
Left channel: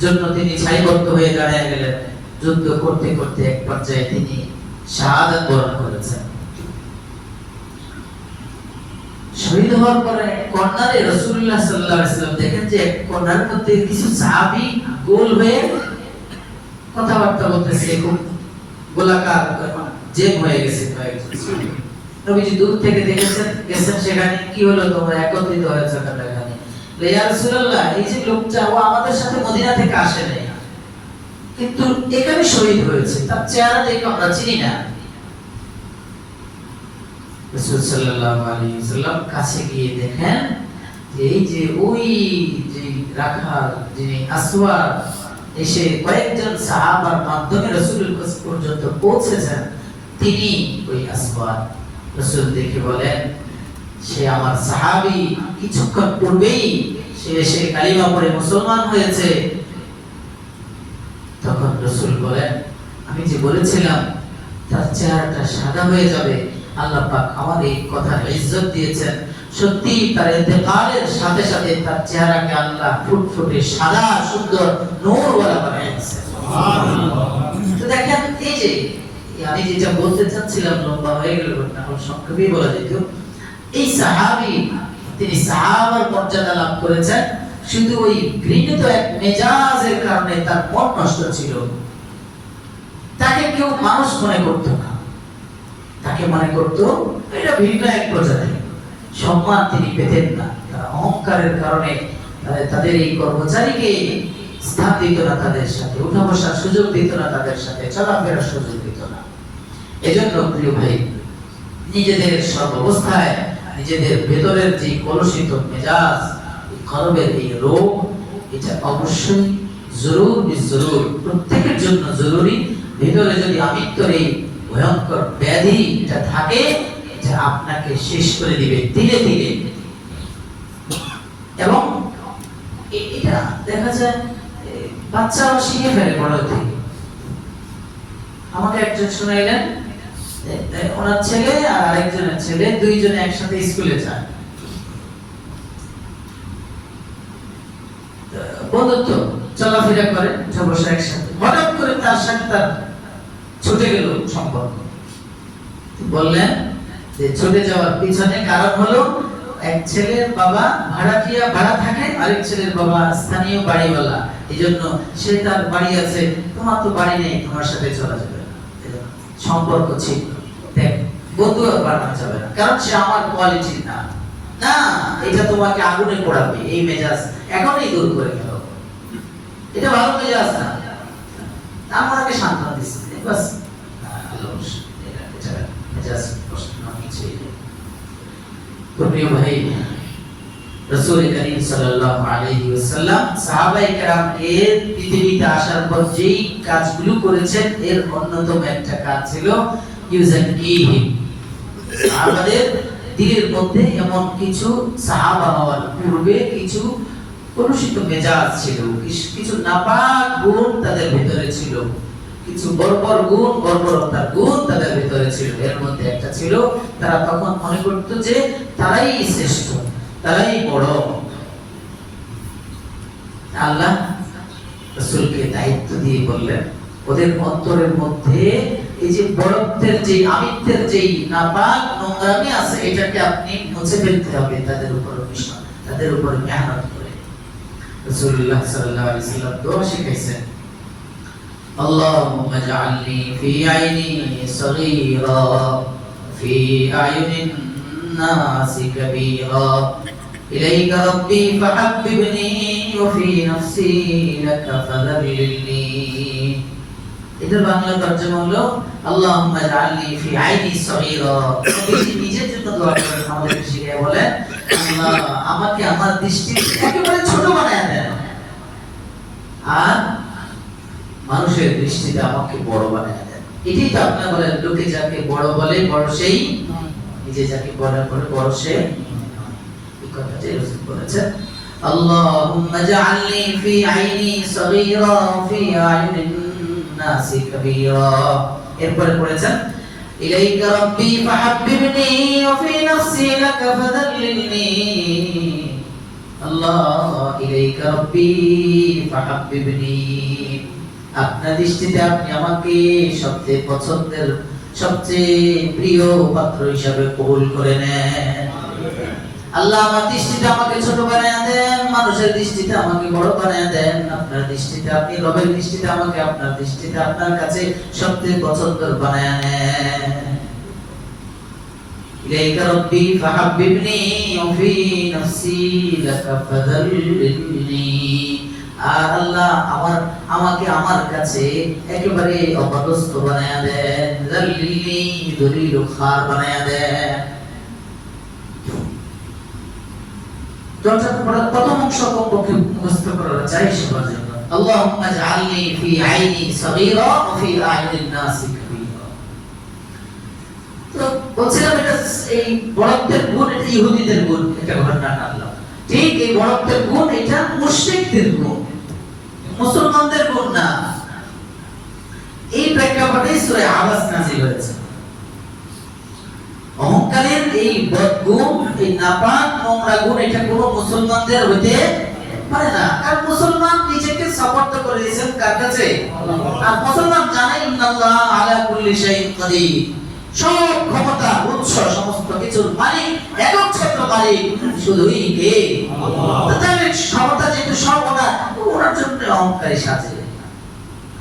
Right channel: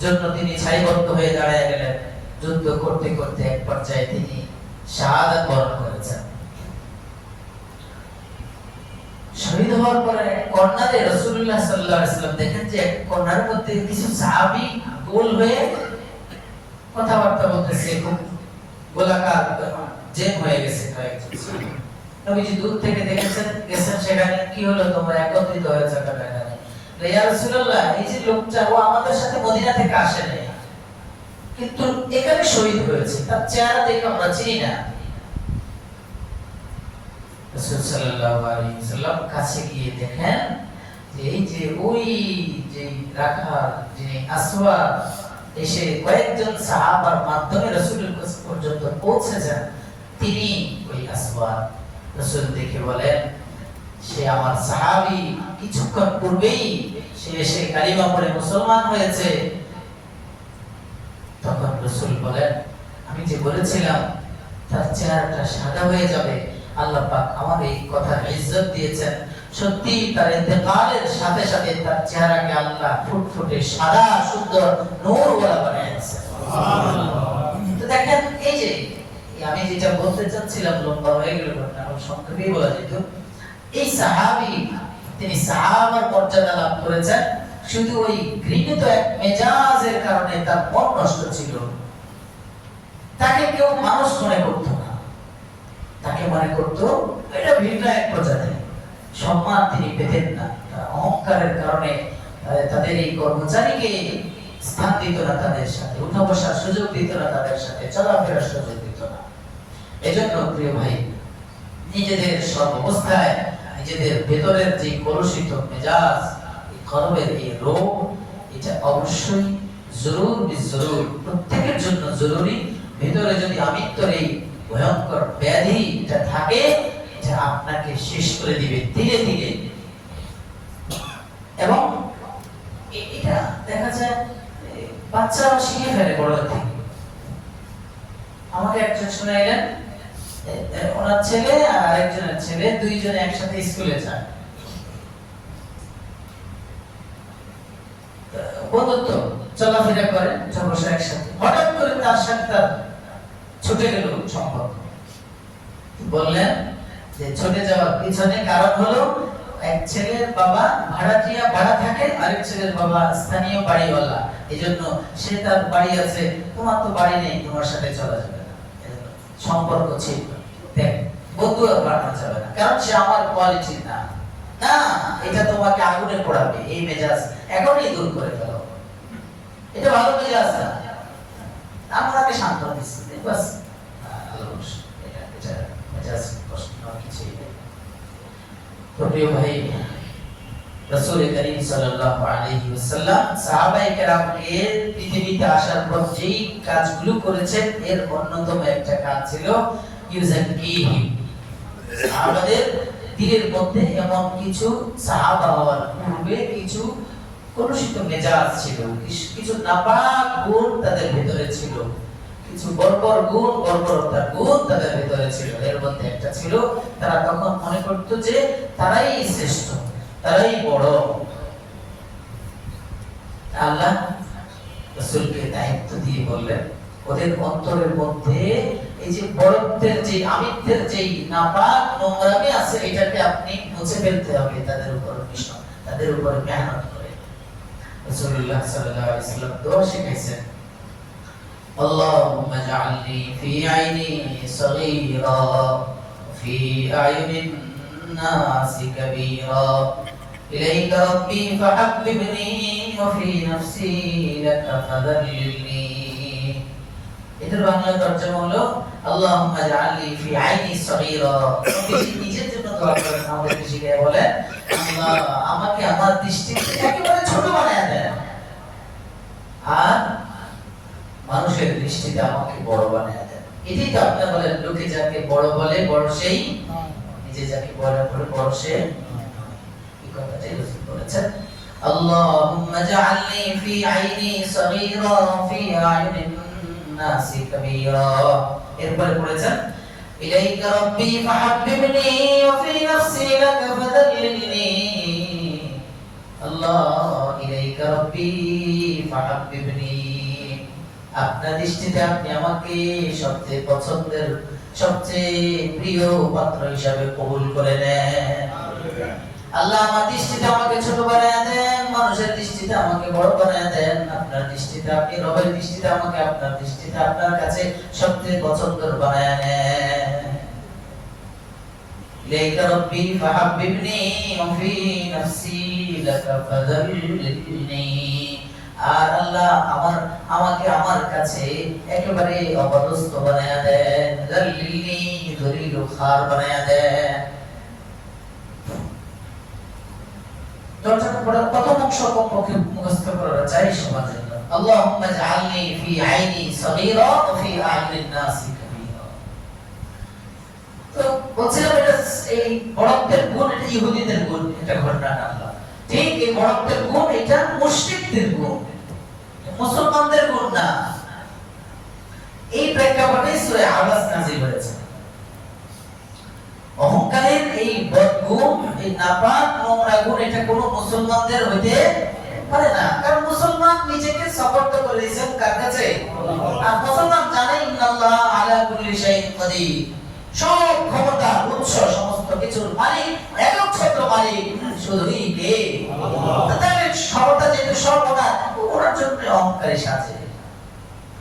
জন্য তিনি সারিবদ্ধ হয়ে দাঁড়িয়ে গেলেন। যুদ্ধ করতে করতে এক পর্যায়ে তিনি শাহাদাত বরণ করেছেন। শহীদ হওয়ার পরে কর্নারে রাসূলুল্লাহ সাল্লাল্লাহু আলাইহি ওয়াসাল্লাম দেখেন যে কর্নারের মধ্যে কিছু সাহাবী গোল হয়ে কথাবার্তা বলতেছে, খুব গোলাকার জেম হয়ে গেছে কয়েকজন। নবীজি দূর থেকে গেছেন সেখানে, কি হলো তোমরা একত্রিত হয়েছে এখানে? ইয়া রাসূলুল্লাহ, এই যে লোকটা ও আমাদের সাথে মদিনা থেকে আসে নাই, কিন্তু এখানে শহীদ হয়েছে, তার চেহারা দেখে আমরা চিনি না। রাসূল সাল্লাল্লাহু আলাইহি ওয়াসাল্লাম কাছে গিয়ে দেখেন যে এই যে ওই যে রাখাল যিনি আসওয়াদ এসে কয়েকজন সাহাবার মাধ্যমে রাসূলের কাছে পর্যন্ত পৌঁছেছেন, তিনি ওই আসওয়াদ। রাসূল দেখে বলেন, সে আমার সাহাবী, কিছুক্ষণ পূর্বেই সে এসে কালিমা পড়ে মুসলমান হয়েছে। তখন রাসূল বলেন, আমি যে বলেছিলাম তার চেহারাটা সাদা হয়ে যাবে, আল্লাহ পাক আমার এই কথার ইজ্জত দিয়েছেন। সত্যি তার ইন্তেকালের সাথে সাথে তার চেহারাকে আল্লাহ ফুটফুটে সাদা সুন্দর নূরওয়ালা বানিয়েছেন। সুবহানাল্লাহ। তো দেখেন, এই যে আমি যেটা বলতে চাচ্ছিলাম লম্বা হয়ে গেল, এখন সংক্ষেপে বলা যেত। এই সাহাবী, তিনি সাহাবার মর্যাদা লাভ করেছেন শুধু ওই ঘৃণিত এক মেজাজের কারণে। তার মন নষ্ট ছিল, তাকে কেউ মানুষ মনে করতো না, তাকে মনে করতো এটা ভিন্ন এক প্রজাতি। সম্মান তিনি পেতেন না, অহংকারের কারণে তাদের এই কর্মচারীকে স্থান দিত না, তাদের সাথে উঠা বসার সুযোগ দিত না, তাদের সাথে চলাফেরার সুযোগ দিত না। এজন্য প্রিয় ভাই, নিজেদের সর্বাবস্থায় নিজেদের ভেতরের যে কলুষিত মেজাজ, এই কলবের এই রোগ, এটা অবশ্যই জরুর প্রত্যেকের জন্য জরুরি। ভিতরে যদি আমিত্বর এই ভয়ঙ্কর ব্যাধি এটা থাকে, এটা আপনাকে শেষ করে দিবে ধীরে ধীরে। এবং এটা দেখা যায় বাচ্চারা শিখে ফেলে বড় থেকে। আমাকে একজন শোনাইলেন, ওনার ছেলে আর আরেকজনের ছেলে দুইজনে একসাথে স্কুলে যায়, বন্ধুত্ব চলাফেরা করে, বসে একসাথে। হঠাৎ করে তার সাথে তার ছুটে গেল সম্পর্ক। বললেন যে ছুটে যাওয়ার পিছনে কারণ হলো এক ছেলের বাবা ভাড়াটিয়া, ভাড়া থাকে, আরেক ছেলের বাবা স্থানীয় বাড়িওয়ালা। এইজন্য সে তার বাড়ি আছে, তোমার তো বাড়ি নেই, তোমার সাথে চলা যাবে না। সম্পর্ক ছিল, দেখ বন্ধু আর বানানো যাবে না, কারণ সে আমার কোয়ালিটি না। না, এটা তোমাকে আগুনে পোড়াবে। এই মেজাজ এখনই দূর করে গেল, এটা ভালো মেজাজ না। আমাকে সান্ত্বনা দিচ্ছে বাস, এটা মেজাজ কষ্ট না, কিছুই নেই। প্রিয় ভাই, রাসূল করিম সাল্লাল্লাহু আলাইহি ওয়াসাল্লাম সাহাবায়ে কেরামকে পৃথিবীতে আসার পর যেই কাজগুলো করেছেন, এর অন্যতম একটা কাজ ছিল ইউজাকিহিম। সাহাবাদের দিলের মধ্যে এমন কিছু সাহাবা হওয়ার পূর্বে কিছু কলুষিত মেজাজ ছিল, কিছু নাপাক গুণ তাদের ভিতরে ছিল, কিছু বর্বর গুণ, বর্বরতার গুণ তাদের ভিতরে ছিল। এর মধ্যে একটা ছিল, তারা তখন মনে করত যে তারাই শ্রেষ্ঠ, তারাই বড়। আল্লাহ রাসূলকে দায়িত্ব দিয়ে বললেন, ওদের অন্তরের মধ্যে এই যে বড়ত্বের যে আমিত্বের যে নাপাক নোংরামি আছে, এটাকে আপনি মুছে ফেলতে হবে তাদের উপর মিশন, তাদের উপর মেহনত করে। রাসূলুল্লাহ সাল্লাল্লাহু আলাইহি ওয়াসাল্লাম দোয়া শিখাইছেন, اللهم اجعلني في عيني صغيرا في أعين الناس كبيرا إليك ربي فحببني وفي نفسي لك فذللني। এটার বাংলা তরজমা হলো আল্লাহুম্মা ইজআলনি ফি আইনি সগীরা। নিজের জন্য দোয়া করেন, আমাদের শিখিয়ে বলেন, আল্লাহ আমাকে আমার দৃষ্টিতে একেবারে ছোট বানায় দেন, আর মানুষের দৃষ্টিতে আমাকে বড় বানায় দেন। এটাই তো আপনারা বলেন, লোকে যাকে বড় বলে বড় সেই, নিজে যাকে বড় বলে বড় সে। এই কথাটাই রাসূল বলেছেন, আল্লাহুম্মা ইজআলনি ফি আইনি সগীরা ফি আয়ুনিন নাসি কাবীরা। এরপরে পড়েছেন ইলাইকা রাব্বি ফাহাব্বিবনি ওয়া ফি নাফসি লাকা ফাযাল্লিলনি আল্লাহ ইলাইকা রাব্বি ফাহাব্বিবনি আপনার দৃষ্টিতে আপনি আমাকে সবচেয়ে পছন্দের সবচেয়ে প্রিয় পাত্র হিসাবে কবুল করে নেন আল্লাহ আমার দৃষ্টিতে আমাকে ছোট বানায়া দেন মানুষের দৃষ্টিতে আমাকে বড় বানায়া দেন আপনার দৃষ্টিতে আপনি রবের দৃষ্টিতে আমাকে আপনার দৃষ্টিতে আপনার কাছে সবচেয়ে পছন্দের বানায়া নেন ইলাইকা রাব্বি ফাহাব্বিবনি ওয়া ফি নাফসি লাকা ফাযাল্লিলনি আর আল্লাহ আমাকে আমার কাছে একেবারে অপদস্থ বানায়া দেন যাল্লিলনি দলিল খার বানায়া দেন প্রথম অংশ কমপক্ষে মুখস্থ করা চাই সবার জন্য আল্লাহুম্মা জাআলনি ফি আইনি সগীরা ওয়া ফি আইনিন নাসি কাবীরা তো বলছিলাম এটা এই বড়ত্বের গুণ এটা ইহুদিদের গুণ এটা ঘটনা না আল্লাহ ঠিক এই বড়ত্বের গুণ এটা মুশরিকদের গুণ মুসলমানদের গুণ না এই প্রেক্ষাপটে সূরা আবাস নাযিল হয়েছে অহংকারের এই বদগুণ এই নাপাক নোংরা গুণ এটা কোনো মুসলমানদের হইতে পারে না কারণ মুসলমান নিজেকে সমর্থ করে দিয়েছেন কার কাছে আর মুসলমান জানে ইন্নাল্লাহ আলা কুল্লি শাইইন কাদির সব ক্ষমতা উৎস সমস্ত কিছুর মালিক একচ্ছত্র মালিক শুধুই কে আল্লাহ তাহলে ক্ষমতা যেহেতু সব ওনার জন্য অহংকারী সাজে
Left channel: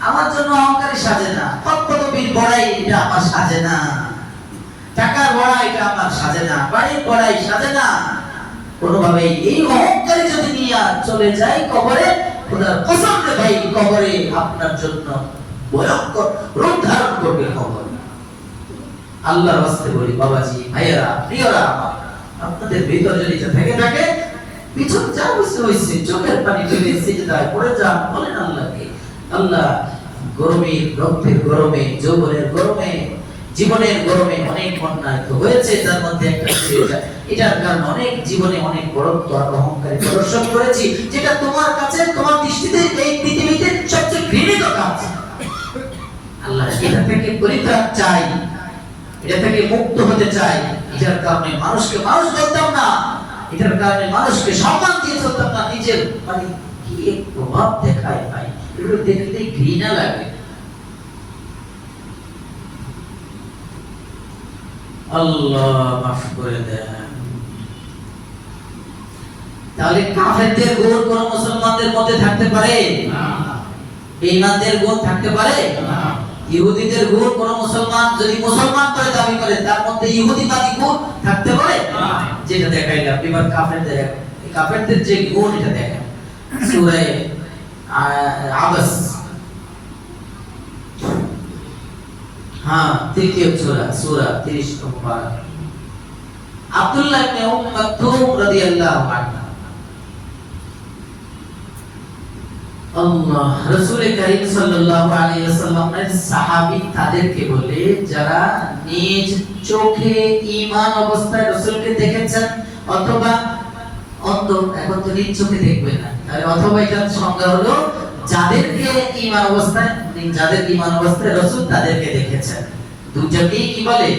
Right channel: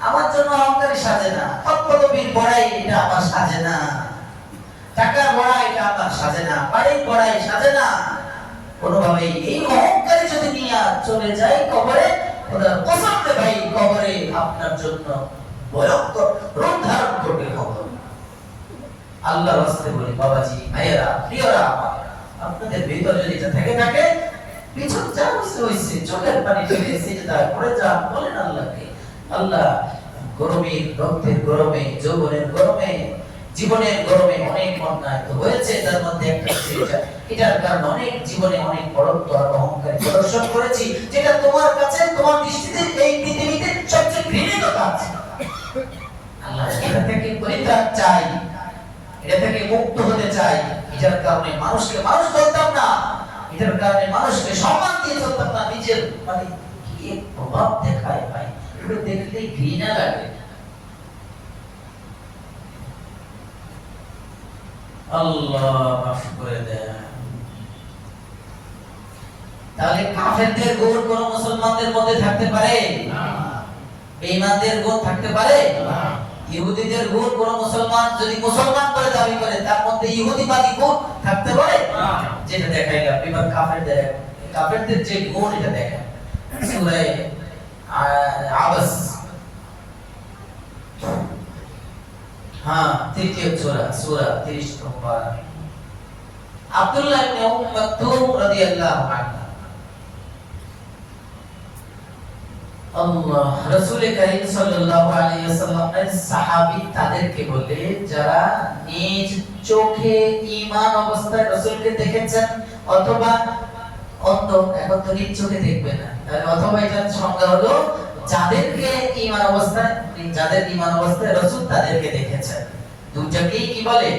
আমার জন্য অহংকারী সাজে না পদবীর বড়াই এটা আমার সাজে না টাকার বড়াই এটা আমার সাজে না বাড়ির বড়াই সাজে না কোনোভাবেই এই অহংকারী যদি নিয়ে চলে যায় কবরে খোদার কসম রে ভাই কবরে আপনার জন্য ভয়ঙ্কর রূপ ধারণ করবে কবর আল্লাহর রাস্তায় বলি বাবাজি ভাইয়েরা প্রিয়রা আপনাদের ভিতর যদি এটা থেকে থাকে পিছন যা হইছে চোখের পানি ঢেলে সিজদায় পড়ে যান বলেন আল্লাহকে আল্লাহ গরমে রক্তের গরমে যৌবনের গরমে জীবনের গরমে অনেক অন্যায় তো হয়েছে তার মধ্যে একটা এটার কারণে অনেক জীবনে অনেক বড়ত্ব আর অহংকারী প্রদর্শন করেছি যেটা তোমার কাছে তোমার দৃষ্টিতে এই পৃথিবীতে সবচেয়ে ঘৃণিত কাজ আল্লাহ এটা থেকে পরিত্রাণ চাই এটা থেকে মুক্ত হতে চাই এটার কারণে মানুষকে মানুষ বলতাম না এটার কারণে মানুষকে সম্মান দিয়ে চলতাম না নিজের মানে কি এক প্রভাব দেখায় ভাই এগুলো দেখলে ঘৃণা লাগে আল্লাহ মাফ করে দেন তাহলে কাফেরদের গুণ কোন মুসলমানদের মধ্যে থাকতে পারে না বেঈমানদের গুণ থাকতে পারে না ইহুদিদের গুণ কোন মুসলমান যদি মুসলমান করে দাবি করে তার মধ্যে ইহুদিবাদী গুণ থাকতে পারে না যেটা দেখাইলাম এবার কাফেরদের যে গুণ এটা দেখেন সূরা আবাস তৃতীয় সূরা 30 নম্বর আব্দুল্লাহ ইবনে মাকতুম রাদিয়াল্লাহু আনহু আল্লাহ রাসূল কারীম সাল্লাল্লাহু আলাইহি ওয়াসাল্লামের সাহাবী তাদেরকে বলে যারা নিজ চোখে ঈমান অবস্থায় রাসূলকে দেখেছেন অথবা অন্ত এখন তো নিজ চোখে দেখবে না তাহলে অথবা এটার সংজ্ঞা হলো যাদেরকে ঈমান অবস্থায় যাদের ঈমান অবস্থায় রাসূল তাদেরকে দেখেছেন দুইটাকেই কি বলে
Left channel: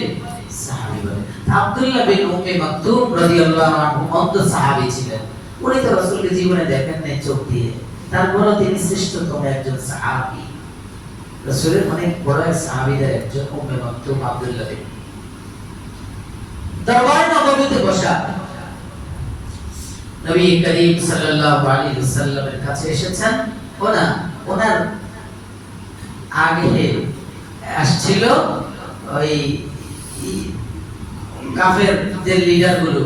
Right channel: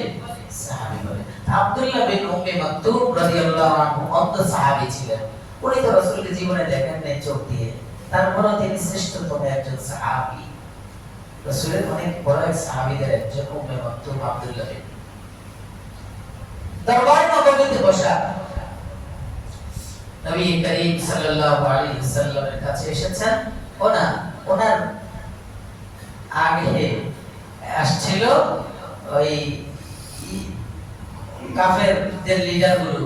সাহাবী বলে আব্দুল্লাহ বিন উম্মে মাকতুম রাদিয়াল্লাহু আনহু অন্ত সাহাবী ছিলেন উনি তো রাসূলকে জীবনে দেখেন নাই চোখ দিয়ে তারপরও তিনি শ্রেষ্ঠতম একজন সাহাবী রাসূলের অনেক বড় এক সাহাবীদের একজন উম্মে মাকতুম আব্দুল্লাহ বিন দরবার নববীতে বসা নবী করিম সাল্লাল্লাহু আলাইহি ওয়াসাল্লামের কাছে এসেছেন ওনার আগে আসছিল ওই কাফেরদের লিডারগুলো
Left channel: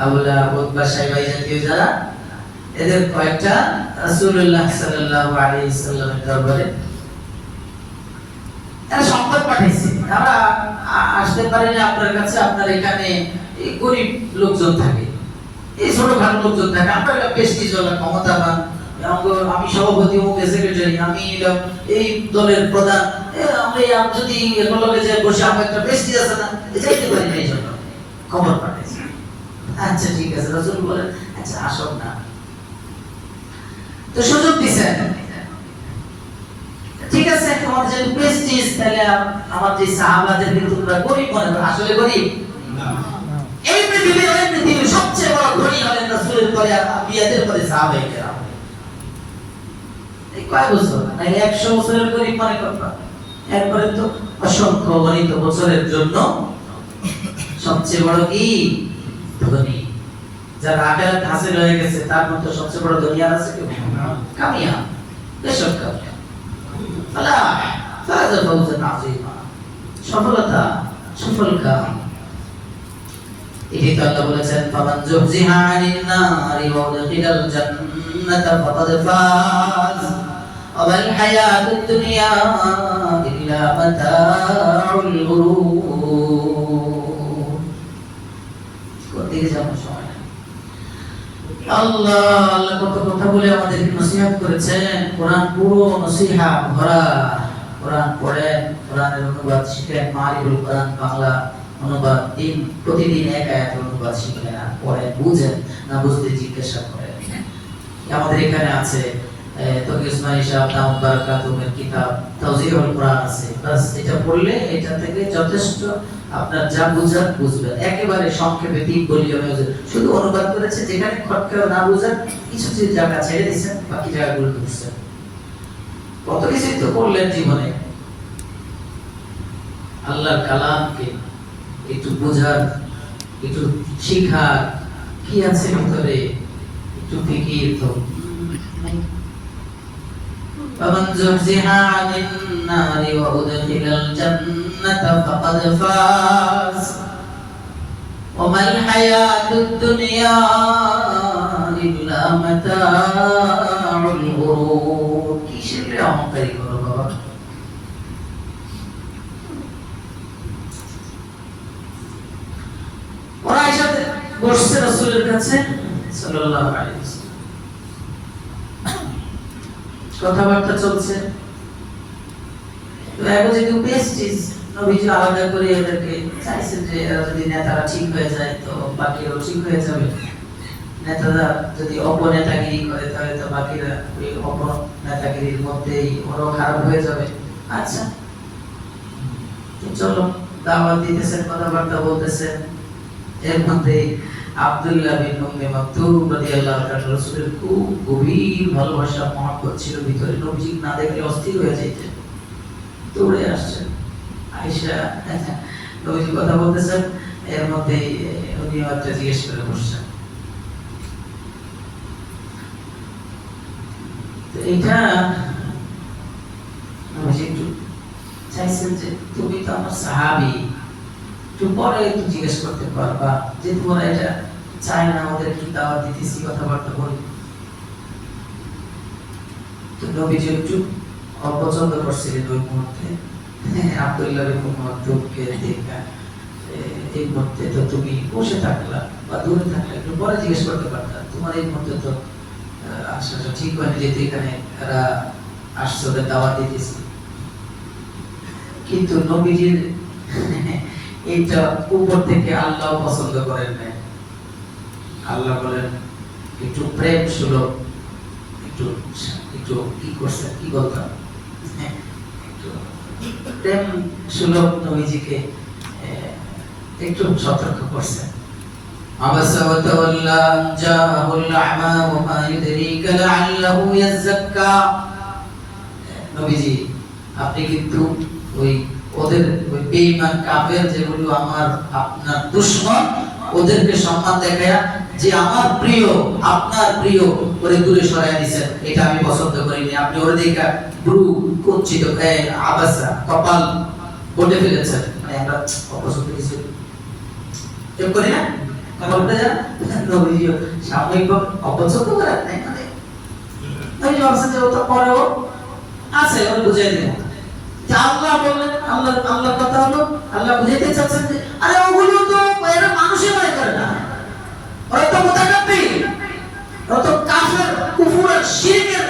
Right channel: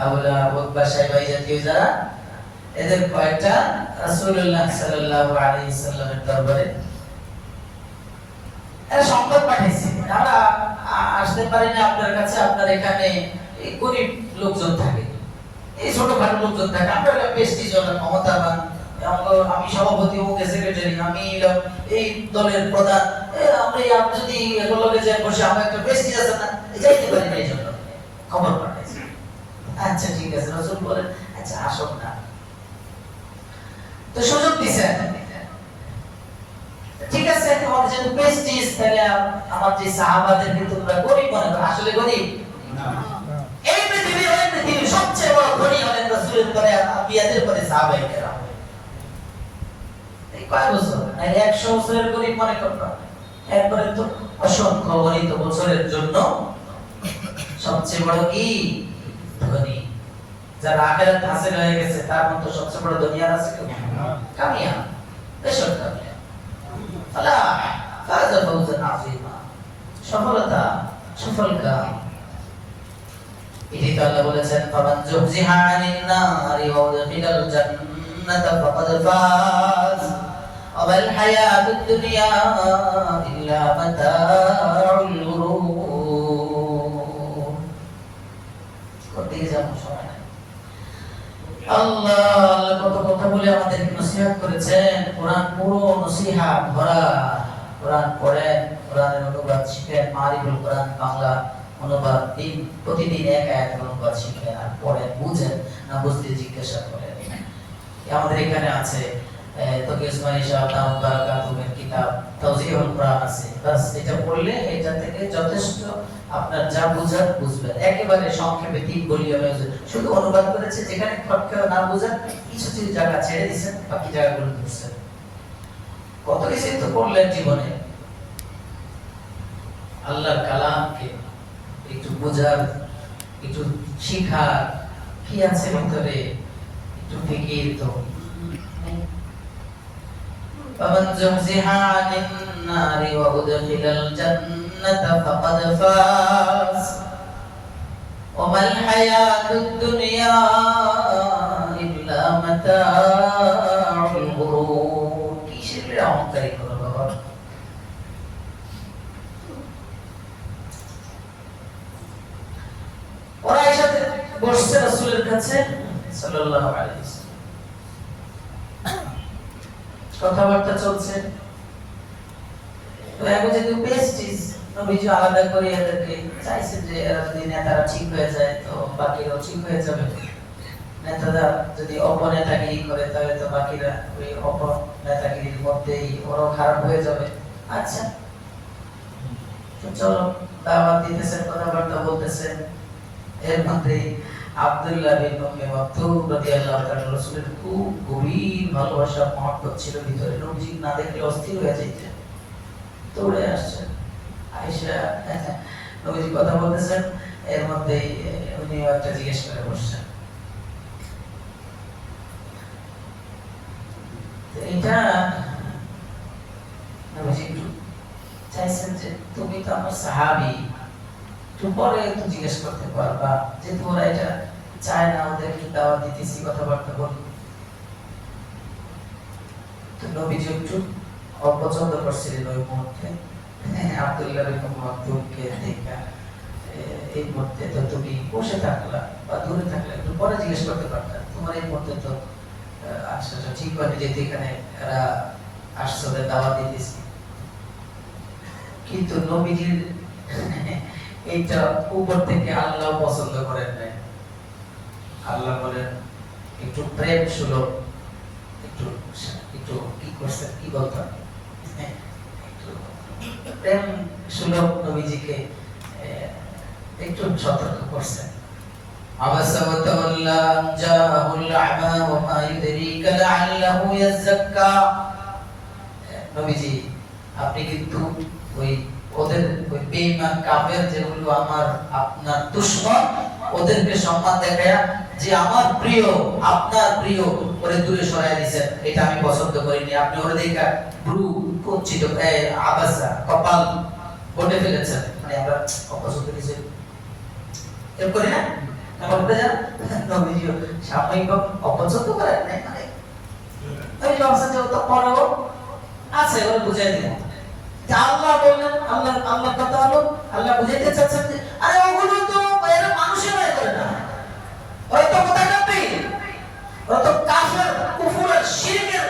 আবুলা উতবা সাইবা জাতীয় যারা এদের কয়েকটা রাসূলুল্লাহ সাল্লাল্লাহু আলাইহি ওয়াসাল্লামের দরবারে এরা সংবাদ পাঠিয়েছে আমরা আসতে পারি না আপনার কাছে আপনার এখানে এই গরিব লোকজন থাকে এই ছোটখাটো লোকজন থাকে আমরা প্রেস্টিজওয়ালা ক্ষমতাবান আমি সভাপতি মুখে সেক্রেটারি আমি এই দলের প্রধান আমরা যদি এগুলোকে যাই বসে আমরা একটা প্রেস্টিজ আছে না যাইতে পারি না এই জন্য খবর পাঠাইছে আচ্ছা ঠিক আছে রাসূল বলেন আচ্ছা আসুন না তো সুযোগ দিছেন ঠিক আছে আমাদের যে প্রেস্টিজ আমার যে সাহাবাদেরকে তোমরা গরিব মনে করো, আসলে গরিব না। এই পৃথিবীর সবচেয়ে বড় ধনী হলেন রাসূলের পরে আর আম্বিয়াদের পরে সাহাবায়ে কেরাম। এই কয় বছর না 100 বছরের গরিব মনে করবা, এরপরে তো অসংখ্য গণিত বছরের জন্য সবচেয়ে বড় কি ধনী। যারা আখিরাত হাসিল হয়ে গেছে তার মধ্যে সবচেয়ে বড় ধনী আর আছে কেউ? কামিয়া, বেশক কামিয়া। ফালা ফাজা ফাওজান আযীমা, সফলতা, সফল কাম। এটাই তো আল্লাহ বলেছেন, ফামান যুহজিহা আনিন নারি ওয়া উদখিলাল জান্নাতা ফাকাদ ফাজ ওয়া মাল হায়াতুদ দুনিয়া ইল্লা মাতাউল গুরুর। কোথায় যাবো সময় নাই। আল্লাহ কত কথা বলে আমাদেরকে নসিহত করেছেন। কোরআন পুরো নসিহত ভরা। কোরআন পড়েন, কোরআনের অনুবাদ শিখেন, মারিফুল কোরআন বাংলা অনুবাদ প্রতিদিন এক আয়াত অনুবাদ শিখেন আর পড়েন, বুঝেন, না বুঝতে জিজ্ঞাসা করেন। আমাদের এখানে আছে তকি উসমানী সাহেব নাম বারাকাতুমের কিতাব তাওজিহুল কোরআন আছে। বাস এটা পড়লে এটা থেকে যথেষ্ট আপনার যা বুঝার বুঝবেন। একেবারে সংক্ষেপে 3 বলি আমি শুধু অনুবাদ করেছে, যেখানে খটকা না বুঝেন কিছু কিছু জায়গা ছেড়ে দিয়েছেন, বাকি জায়গাগুলো ধরছেন। কত কিছুই তো করলেন জীবনে। আল্লাহর কালামকে একটু বুঝার, একটু শিখার কি আছে ভিতরে একটু ফিকির তো। فمن زحزح عن النار وأدخل الجنة فقد فاز وما الحياة الدنيا إلا متاع الغرور। কিসের অহংকারী করো বাবা? ওরা এসে বসছে রাসূলের কাছে সাল্লাল্লাহু আলাইহি ওয়াসাল্লাম, কথাবার্তা চলছে। তো এখন যেহেতু পেস্টিস নবীজি আলাদা করে এদেরকে চাইছেন যে এরা যদি নেতারা ঠিক হয়ে যায় তো বাকিরাও ঠিক হয়ে যাবে। নেতারা যদি অপনেতাগিরি করে তাহলে তো বাকিরা ওই অপনেতাগিরির মধ্যেই ওরাও খারাপ হয়ে যাবে। আচ্ছা তো চলো, দাওয়াত দিতেছেন, কথাবার্তা বলতেছেন। এর মধ্যে আব্দুল্লাহ বিন উম্মে মাকতুম রাদিয়াল্লাহু তাআলা রাসূলের খুব গভীর ভালোবাসা মহব্বত ছিল ভিতরে। নবীজি না দেখলে অস্থির হয়ে যেতেন, দৌড়ে আসছেন। আয়েশা নবীজি কথা বলতেছেন, এর মধ্যে উনি একটা জিজ্ঞেস করে বসছেন। তো এটা নবীজি একটু চাইছেন যে তুমি তো আমার সাহাবী, একটু পরে একটু জিজ্ঞেস করতে পারবা যে তোমরা এটা চায় না আমাদের একটু দাওয়াত দিতেছি, কথাবার্তা বলি। তো নবীজি একটু অপছন্দ করছিলেন ওই মুহূর্তে আব্দুল্লাহ বিন মাকতুমকে দেখা। এই মুহূর্তে তো তুমি বসে থাকলা বা দূরে থাকলে একটু পরে জিজ্ঞেস করতে পারতা, তোমার এই মুহূর্তে তো আসাটা ঠিক হয়নি, যেহেতু এখানে এরা আসছে ওদের দাওয়াত দিতেছি। কিন্তু নবীজির এইটা উপর থেকে আল্লাহ পছন্দ করেন না। আল্লাহ বলেন একটু প্রেম সুলভ, একটু একটু কি করছেন, কি বলতাম, একটু প্রেম সুলভ নবীজিকে একটু সতর্ক করছেন। আবাসা ওয়া তাওয়াল্লা জাআহুল আ'মা ওয়া মা ইউদরিকা লাআল্লাহু ইয়াযাক্কা। নবীজি আপনি কিন্তু ওই ওদের ওই বেঈমান কাফের যেগুলো আমার আপনার দুশমন, ওদেরকে সম্মান দেখায়া যে আমার প্রিয় আপনার প্রিয় করে দূরে সরাই দিয়েছেন, এটা আমি পছন্দ করিনি। আপনি ওরে দেখা ব্রু কুঞ্চিত আবাসা কপাল বটে ফেলেছেন, মানে আমরা অপছন্দ কিছু কেউ করি না, কপালটা নবীজি সাময়িকভাবে অপছন্দ করেন নাই, মানে আমি ভাবছেন যে ও তো পরেও আছে, ওর বুঝাই দিব। আল্লাহ বললেন, আল্লাহর কথা হলো, আল্লাহ বুঝাইতে চাচ্ছেন যে আরে ওগুলো তো এরা মানুষই মনে করে না, ওরা তো মুতাকাব্বির, ওরা তো কাফের, কুফর আর শিরকের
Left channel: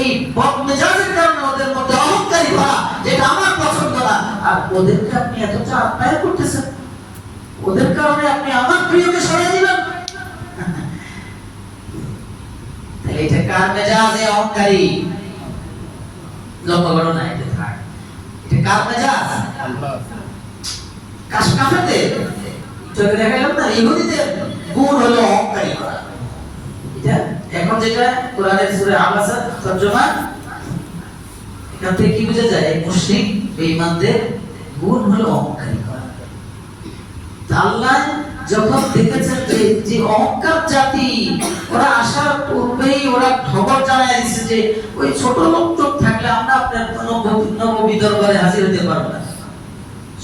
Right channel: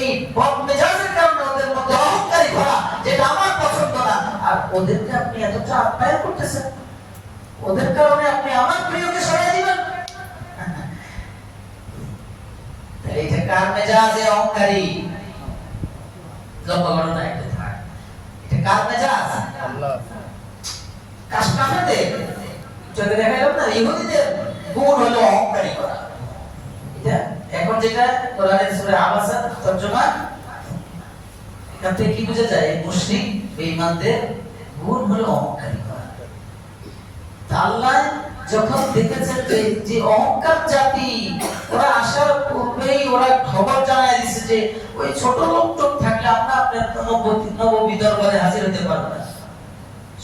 এই বদমেজাজের কারণে ওদের মধ্যে অহংকারী ভরা, যেটা আমার পছন্দ না। আর ওদেরকে আপনি এতটা আপ্যায়ন করতেছেন, ওদের কারণে আপনি আমার প্রিয়কে সরিয়ে দিবেন, তাহলে এটা কার মেজাজে অহংকারী? লক্ষ্য করো না, এটা কার মেজাজ? বেঈমানদের, চোখে দেখালাম না, ইহুদিদের গুণ হলো অহংকারী করা। এটা এখন যেটা কোরআনের সূরা আবাসা তরজমা, এখান থেকে কি বোঝা যায়? মুশরিক বেঈমানদের গুণ হলো অহংকারী করা। আল্লাহ যখন দেখেছেন যে অহংকার জাতি, ওরা আসার পূর্বেই ওরা খবর জানায় দিচ্ছে যে ওই ছোট লোক চোখ থাকলে আমরা আপনার নববী দরবারে হাজির হতে পারবো না।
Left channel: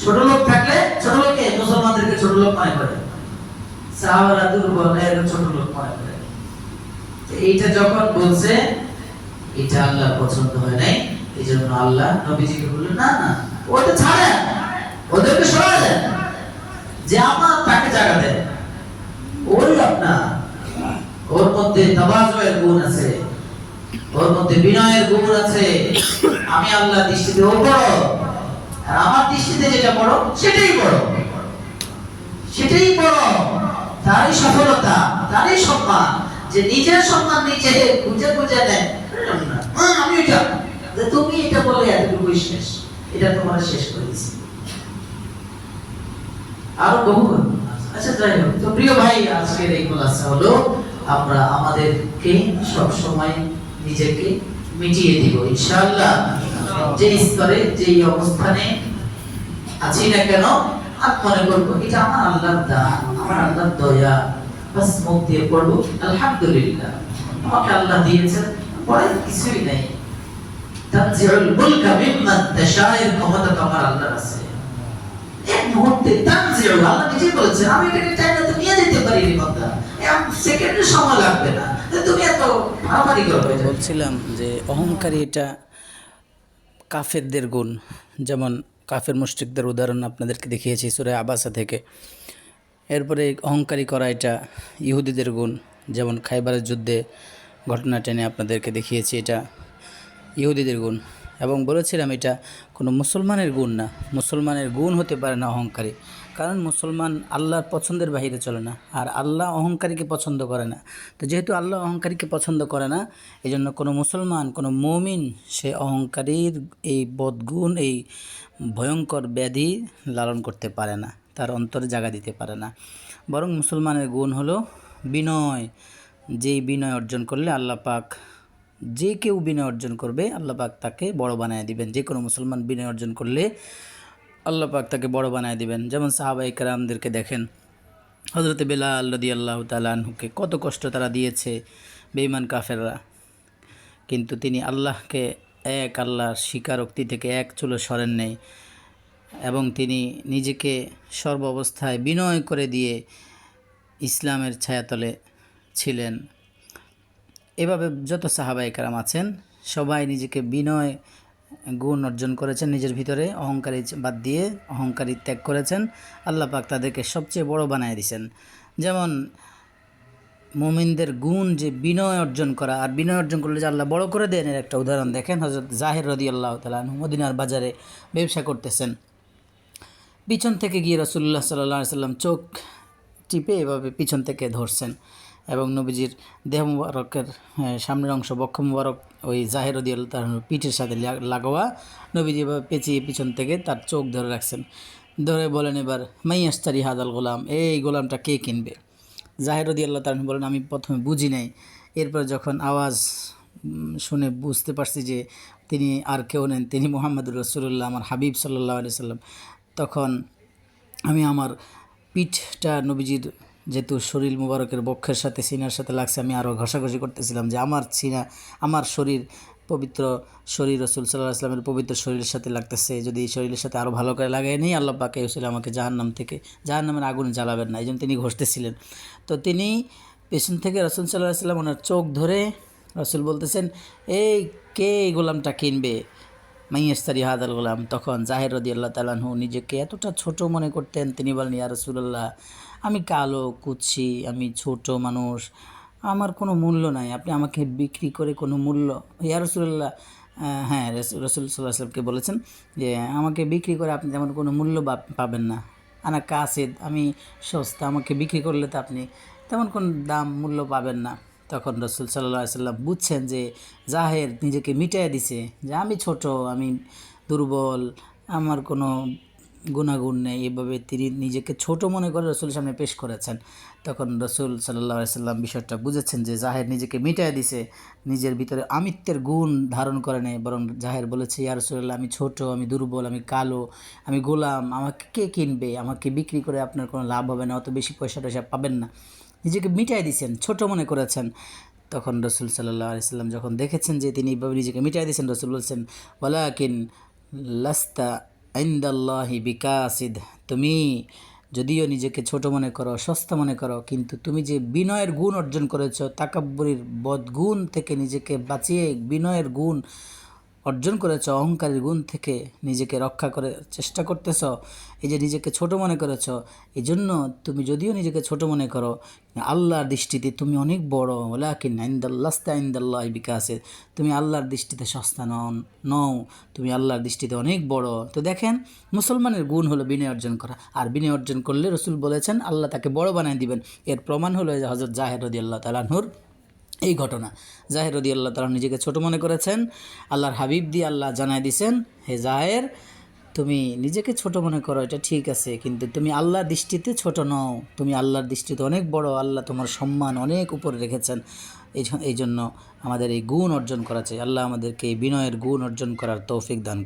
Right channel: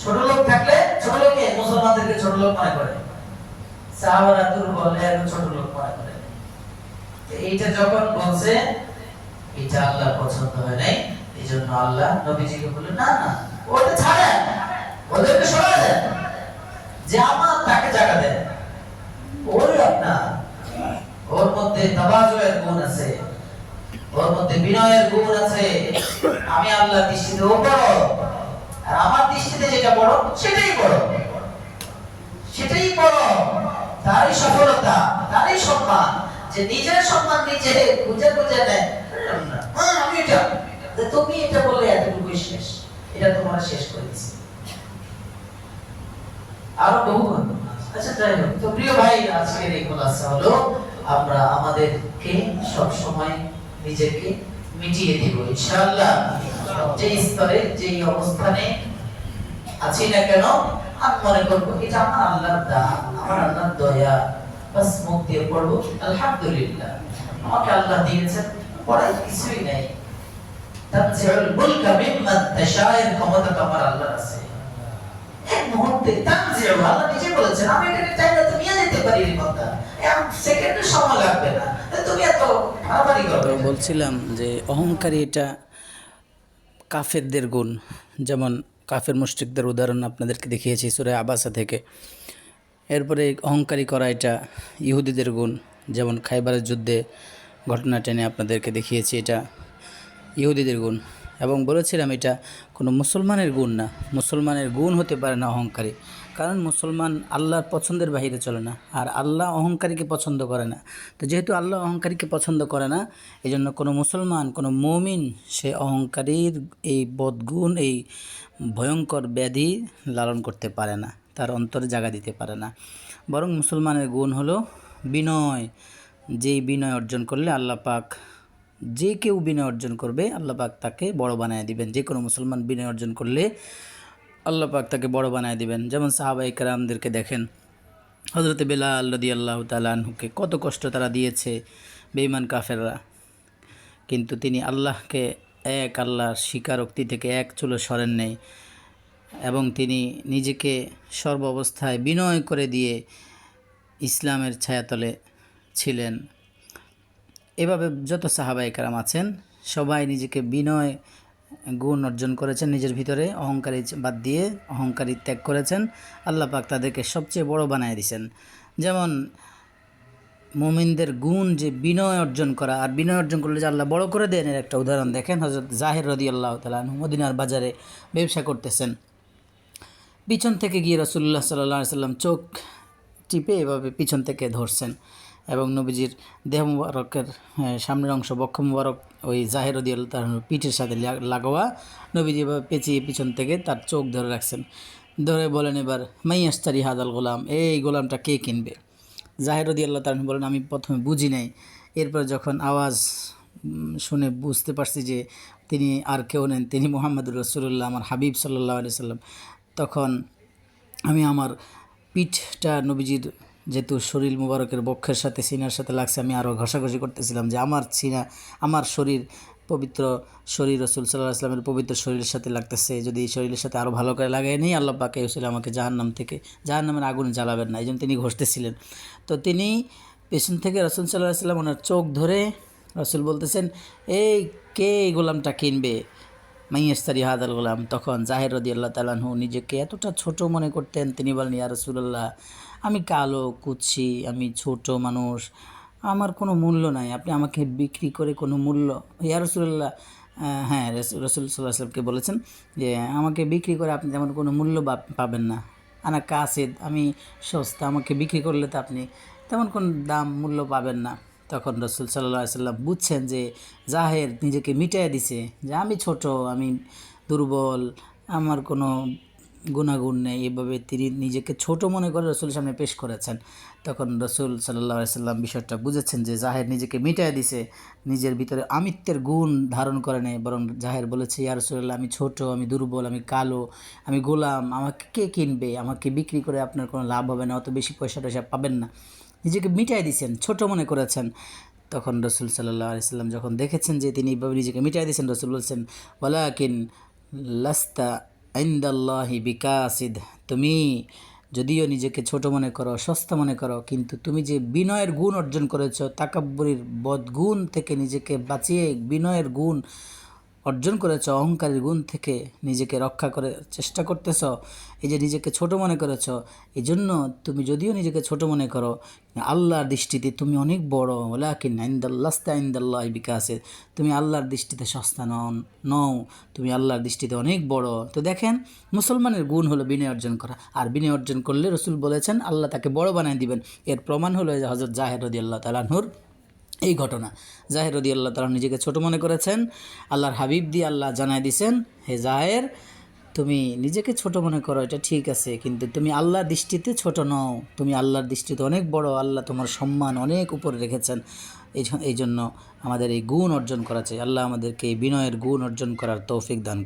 ছোট লোক থাকলে, ছোট লোকে মুসলমানদেরকে ছোট লোক মনে করে, সাহাবারা দুর্বল, এরকম ছোট লোক মনে করে। তো এইটা যখন বলছে, এটা আল্লাহ পছন্দ হয় নাই। এই জন্য আল্লাহ নবীজিকে বললেন, না না, ওটা ছাড়েন, ওদেরকে সরাই দেন, যে আমার তাকে জায়গা দেন। ওই আপনার, ওর মধ্যে তাওয়াজুয়ের গুণ আছে, ওর মধ্যে বিনয়ের গুণ আছে। আমি আল্লাহ দৃষ্টিতে ও বড়, আর আমার দৃষ্টিতে যেটা বড় সেটাই বড়, সেটাই বড়। তারই সফলতা, তারই সম্মান, যে নিজের সম্মান নিজে খুঁজে খুঁজে নেয়। আমি এটা, তুমি এটা বললে এতটুকু শেষ, এটা তোমার শেষ করে দিচ্ছি। আরো বহু। আচ্ছা যাই হোক, তো প্রিয় ভাই, আজকের এই খোলাসা হলো আমরা আমাদেরকে সব সময় নিজেকে মিটিয়ে দিব ইনশাআল্লাহ। যে স্তরে, যে অবস্থানে আছি না কেন, আমি মনে করবো এটা আমার আল্লাহর দান, আমার আল্লাহর দয়া। বাস মুখ দিয়ে পড়বো আলহামদুলিল্লাহ, আমাকে আল্লাহ দিয়েছেন, পরে কিছুই নেই। তানজিউল মুলকা মিম্মান তাশা, এর ক্ষমতা তো আমার আল্লাহর আছে। এক মুহূর্তে তানজিউ, আল্লাহ নিজে বলেছেন, আমি এটাকে চাইলে তো নিয়ে যেতে পারি রে বান্দা, এক সেকেন্ডের সময় লাগবে না, তুমি এত ভাবারি করবে। বলছিলাম যে অহংকারী এটা কাফেরদের গুণ। যেমন কাফের মুশরিকদের উদাহরণ আপনাদেরকে দেখিয়েছি সূরা আবাসা থেকে। এরপরে অহংকারী করা এটা ইহুদিদের গুণ। যেমন খাইবারের যুদ্ধে ঘটনা টেনে আপনাদেরকে দেখিয়েছি, এটা ইহুদিদের গুণ। এবং বলেছিলাম এটা কোনো মুসলমানের গুণ না, মুসলমানের গুণ হতে পারে না অহংকারী। কারণ মুসলমান আল্লাহর পছন্দের বাহিরে চলে না, আর আল্লাহ অহংকারীকে পছন্দ করে না। তো যেহেতু আল্লাহ অহংকারীকে পছন্দ করে না, এই জন্য কোনো মুসলমান, কোনো মুমিন সে অহংকারীর এই বদগুণ, এই ভয়ঙ্কর ব্যাধি লালন করতে পারে না, তার অন্তরে জায়গা দিতে পারে না। বরং মুসলমানের গুণ হলো বিনয়। যেই বিনয় অর্জন করলে আল্লাহ পাক, যে কেউ বিনয় অর্জন করবে আল্লাহ পাক তাকে বড় বানায় দিবেন। যে কোনো মুসলমান বিনয় অর্জন করলে আল্লাহ পাক তাকে বড় বানায় দিবেন। যেমন সাহাবায়ে কেরামদেরকে দেখেন, হযরত বেলাল রাদিয়াল্লাহু তাআলা আনহুকে কত কষ্ট তারা দিয়েছে বেঈমান কাফেররা, কিন্তু তিনি আল্লাহকে এক, আল্লাহর স্বীকারোক্তি থেকে এক চুলো সরেন নেই, এবং তিনি নিজেকে সর্ব অবস্থায় বিনয় করে দিয়ে ইসলামের ছায়াতলে ছিলেন। এভাবে যত সাহাবায়ে কেরাম আছেন সবাই নিজেকে বিনয় গুণ অর্জন করেছেন, নিজের ভিতরে অহংকারী বাদ দিয়ে অহংকারী ত্যাগ করেছেন। আল্লাহ পাক তাদেরকে সবচেয়ে বড় বানায় দিয়েছেন। যেমন মুমিনদের গুণ যে বিনয় অর্জন করা, আর বিনয় অর্জন করলে যে আল্লাহ বড় করে দেন, এর একটা উদাহরণ দেখেন। হযরত জাহির রাদিয়াল্লাহু তাআলা আনহু মদিনার বাজারে ব্যবসা করতেছেন। পিছন থেকে গিয়ে রাসূলুল্লাহ সাল্লাল্লাহু আলাইহি সাল্লাম চোখ টিপে এভাবে পিছন থেকে ধরছেন, এবং নবীজির দেহ মুবারকের সামনের অংশ, বক্ষ মুবারক ওই জাহির রাদিয়াল্লাহু তাআলা পিঠের সাথে লাগোয়া, নবীজি এভাবে পেঁচিয়ে পিছন থেকে তার চোখ ধরে রাখছেন। ধরে বলেন, এবার মাইয়াশতারি হাদাল গোলাম, এই গোলামটা কে কিনবে? জাহির রাদিয়াল্লাহু তাআলা বলেন, আমি প্রথমে বুঝি নাই, এরপর যখন আওয়াজ শুনে বুঝতে পারছি যে তিনি আর কেউ নেন, তিনি মুহাম্মদুর রাসূলুল্লাহ, আমার হাবিব সাল্লাল্লাহু আলাইহি সাল্লাম, তখন আমি আমার পিঠটা নবীজির যেহেতু শরীর মুবারকের বক্ষের সাথে সিনার সাথে লাগছে, আমি আরও ঘষাঘষি করতেছিলাম যে আমার সিনা, আমার শরীর, পবিত্র শরীর রাসূল সাল্লাল্লাহু আলাইহি সাল্লামের পবিত্র শরীরের সাথে লাগতেছে, যদি এই শরীরের সাথে আরও ভালো করে লাগাই নেই, আল্লাহ পাক এই উসিলায় আমাকে জাহান্নামের আগুনে জ্বালাবেন না, এই জন্য তিনি ঘষতেছিলেন। তো তিনি পেছন থেকে রাসূল সাল্লাল্লাহু আলাইহি সাল্লাম ওনার চোখ ধরে, রাসূল বলতেছেন, এই কে এই গোলামটা কিনবে? মাইয়াশতারি হাদাল গোলাম। তখন জাহির রাদিয়াল্লাহু তাআলা আনহু নিজেকে এতটা ছোট মনে করতেন, তিনি বলেন, ইয়া রাসূলুল্লাহ, আমি কালো কুৎসি, আমি ছোট মানুষ, আমার কোনো মূল্য নাই, আপনি আমাকে বিক্রি করে কোনো মূল্য, ইয়া রাসূলুল্লাহ, হ্যাঁ রাসূল সাল্লাল্লাহু আলাইহি ওয়াসাল্লামকে বলেছেন যে আমাকে বিক্রি করে আপনি তেমন কোনো মূল্য পাবেন না, আনা কাসিদ, আমি সস্তা, আমাকে বিক্রি করলে তো আপনি তেমন কোনো দাম মূল্য পাবেন না। তখন রাসূল সাল্লাল্লাহু আলাইহি ওয়াসাল্লাম বুঝছেন যে জাহের নিজেকে মিটাইয়া দিছে, যে আমি ছোট, আমি দুর্বল, আমার কোনো গুণাগুণ নেই, এভাবে তিনি নিজেকে ছোট মনে করে রসুলের সামনে পেশ করেছেন। তখন রসুল সাল্লাল্লাহু আলাইহি সাল্লাম বিষয়টা বুঝেছেন যে জাহের নিজেকে মিটায় দিছে, নিজের ভিতরে আমিত্বের গুণ ধারণ করে নেই, বরং জাহের বলেছে, ইয়া রাসূলুল্লাহ, আমি ছোট, আমি দুর্বল, আমি কালো, আমি গোলাম, আমাকে কে কিনবে, আমাকে বিক্রি করে আপনার কোনো লাভ হবে না, অত বেশি পয়সা টয়সা পাবেন না। নিজেকে মিটাই দিয়েছেন, ছোট মনে করেছেন। তখন রসুল সাল্লাল্লাহু আলাইহি সাল্লাম যখন দেখেছেন যে তিনি এইভাবে নিজেকে মিটাই দিয়েছেন, রসুল বলছেন, ওয়ালাকিন লাস্তা ইনদাল্লাহি বিকাসিদ, তুমি যদিও নিজেকে ছোট মনে করো, সস্তা মনে করো, কিন্তু তুমি যে বিনয়ের গুণ অর্জন করেছো, তাকাব্বুরির বদগুণ থেকে নিজেকে বাঁচিয়ে বিনয়ের গুণ অর্জন করেছ, অহংকারের গুণ থেকে নিজেকে রক্ষা করে চেষ্টা করতেছ, এই যে নিজেকে ছোট মনে করেছ, এই জন্য তুমি যদিও নিজেকে ছোট মনে করো, আল্লাহর দৃষ্টিতে তুমি অনেক বড়। ওয়ালাকিন ইনদাল্লাস্তা ইনদাল্লাহি বিকাসির, তুমি আল্লাহর দৃষ্টিতে সস্তা নও, তুমি আল্লাহর দৃষ্টিতে অনেক বড়। তো দেখেন, মুসলমানের গুণ হলো বিনয় অর্জন করা, আর বিনয় অর্জন করলে রসুল বলেছেন আল্লাহ তাকে বড় বানায় দিবেন। এর প্রমাণ হলো যে হযরত জাহের রাদিয়াল্লাহু তাআলা আনহুর এই ঘটনা। জাহের রাদিয়াল্লাহু তাআলা নিজেকে ছোট মনে করেছেন, আল্লাহর হাবিব দিয়ে আল্লাহ জানায় দিয়েছেন, হে জাহের, তুমি নিজেকে ছোট মনে করো, এটা ঠিক আছে, কিন্তু তুমি আল্লাহর দৃষ্টিতে ছোট নও, তুমি আল্লাহর দৃষ্টিতে অনেক বড়, আল্লাহ তোমার সম্মান অনেক উপরে রেখেছেন। এই জন্য আমাদের এই গুণ অর্জন করা চাই। আল্লাহ আমাদেরকে এই বিনয়ের গুণ অর্জন করার তৌফিক দান।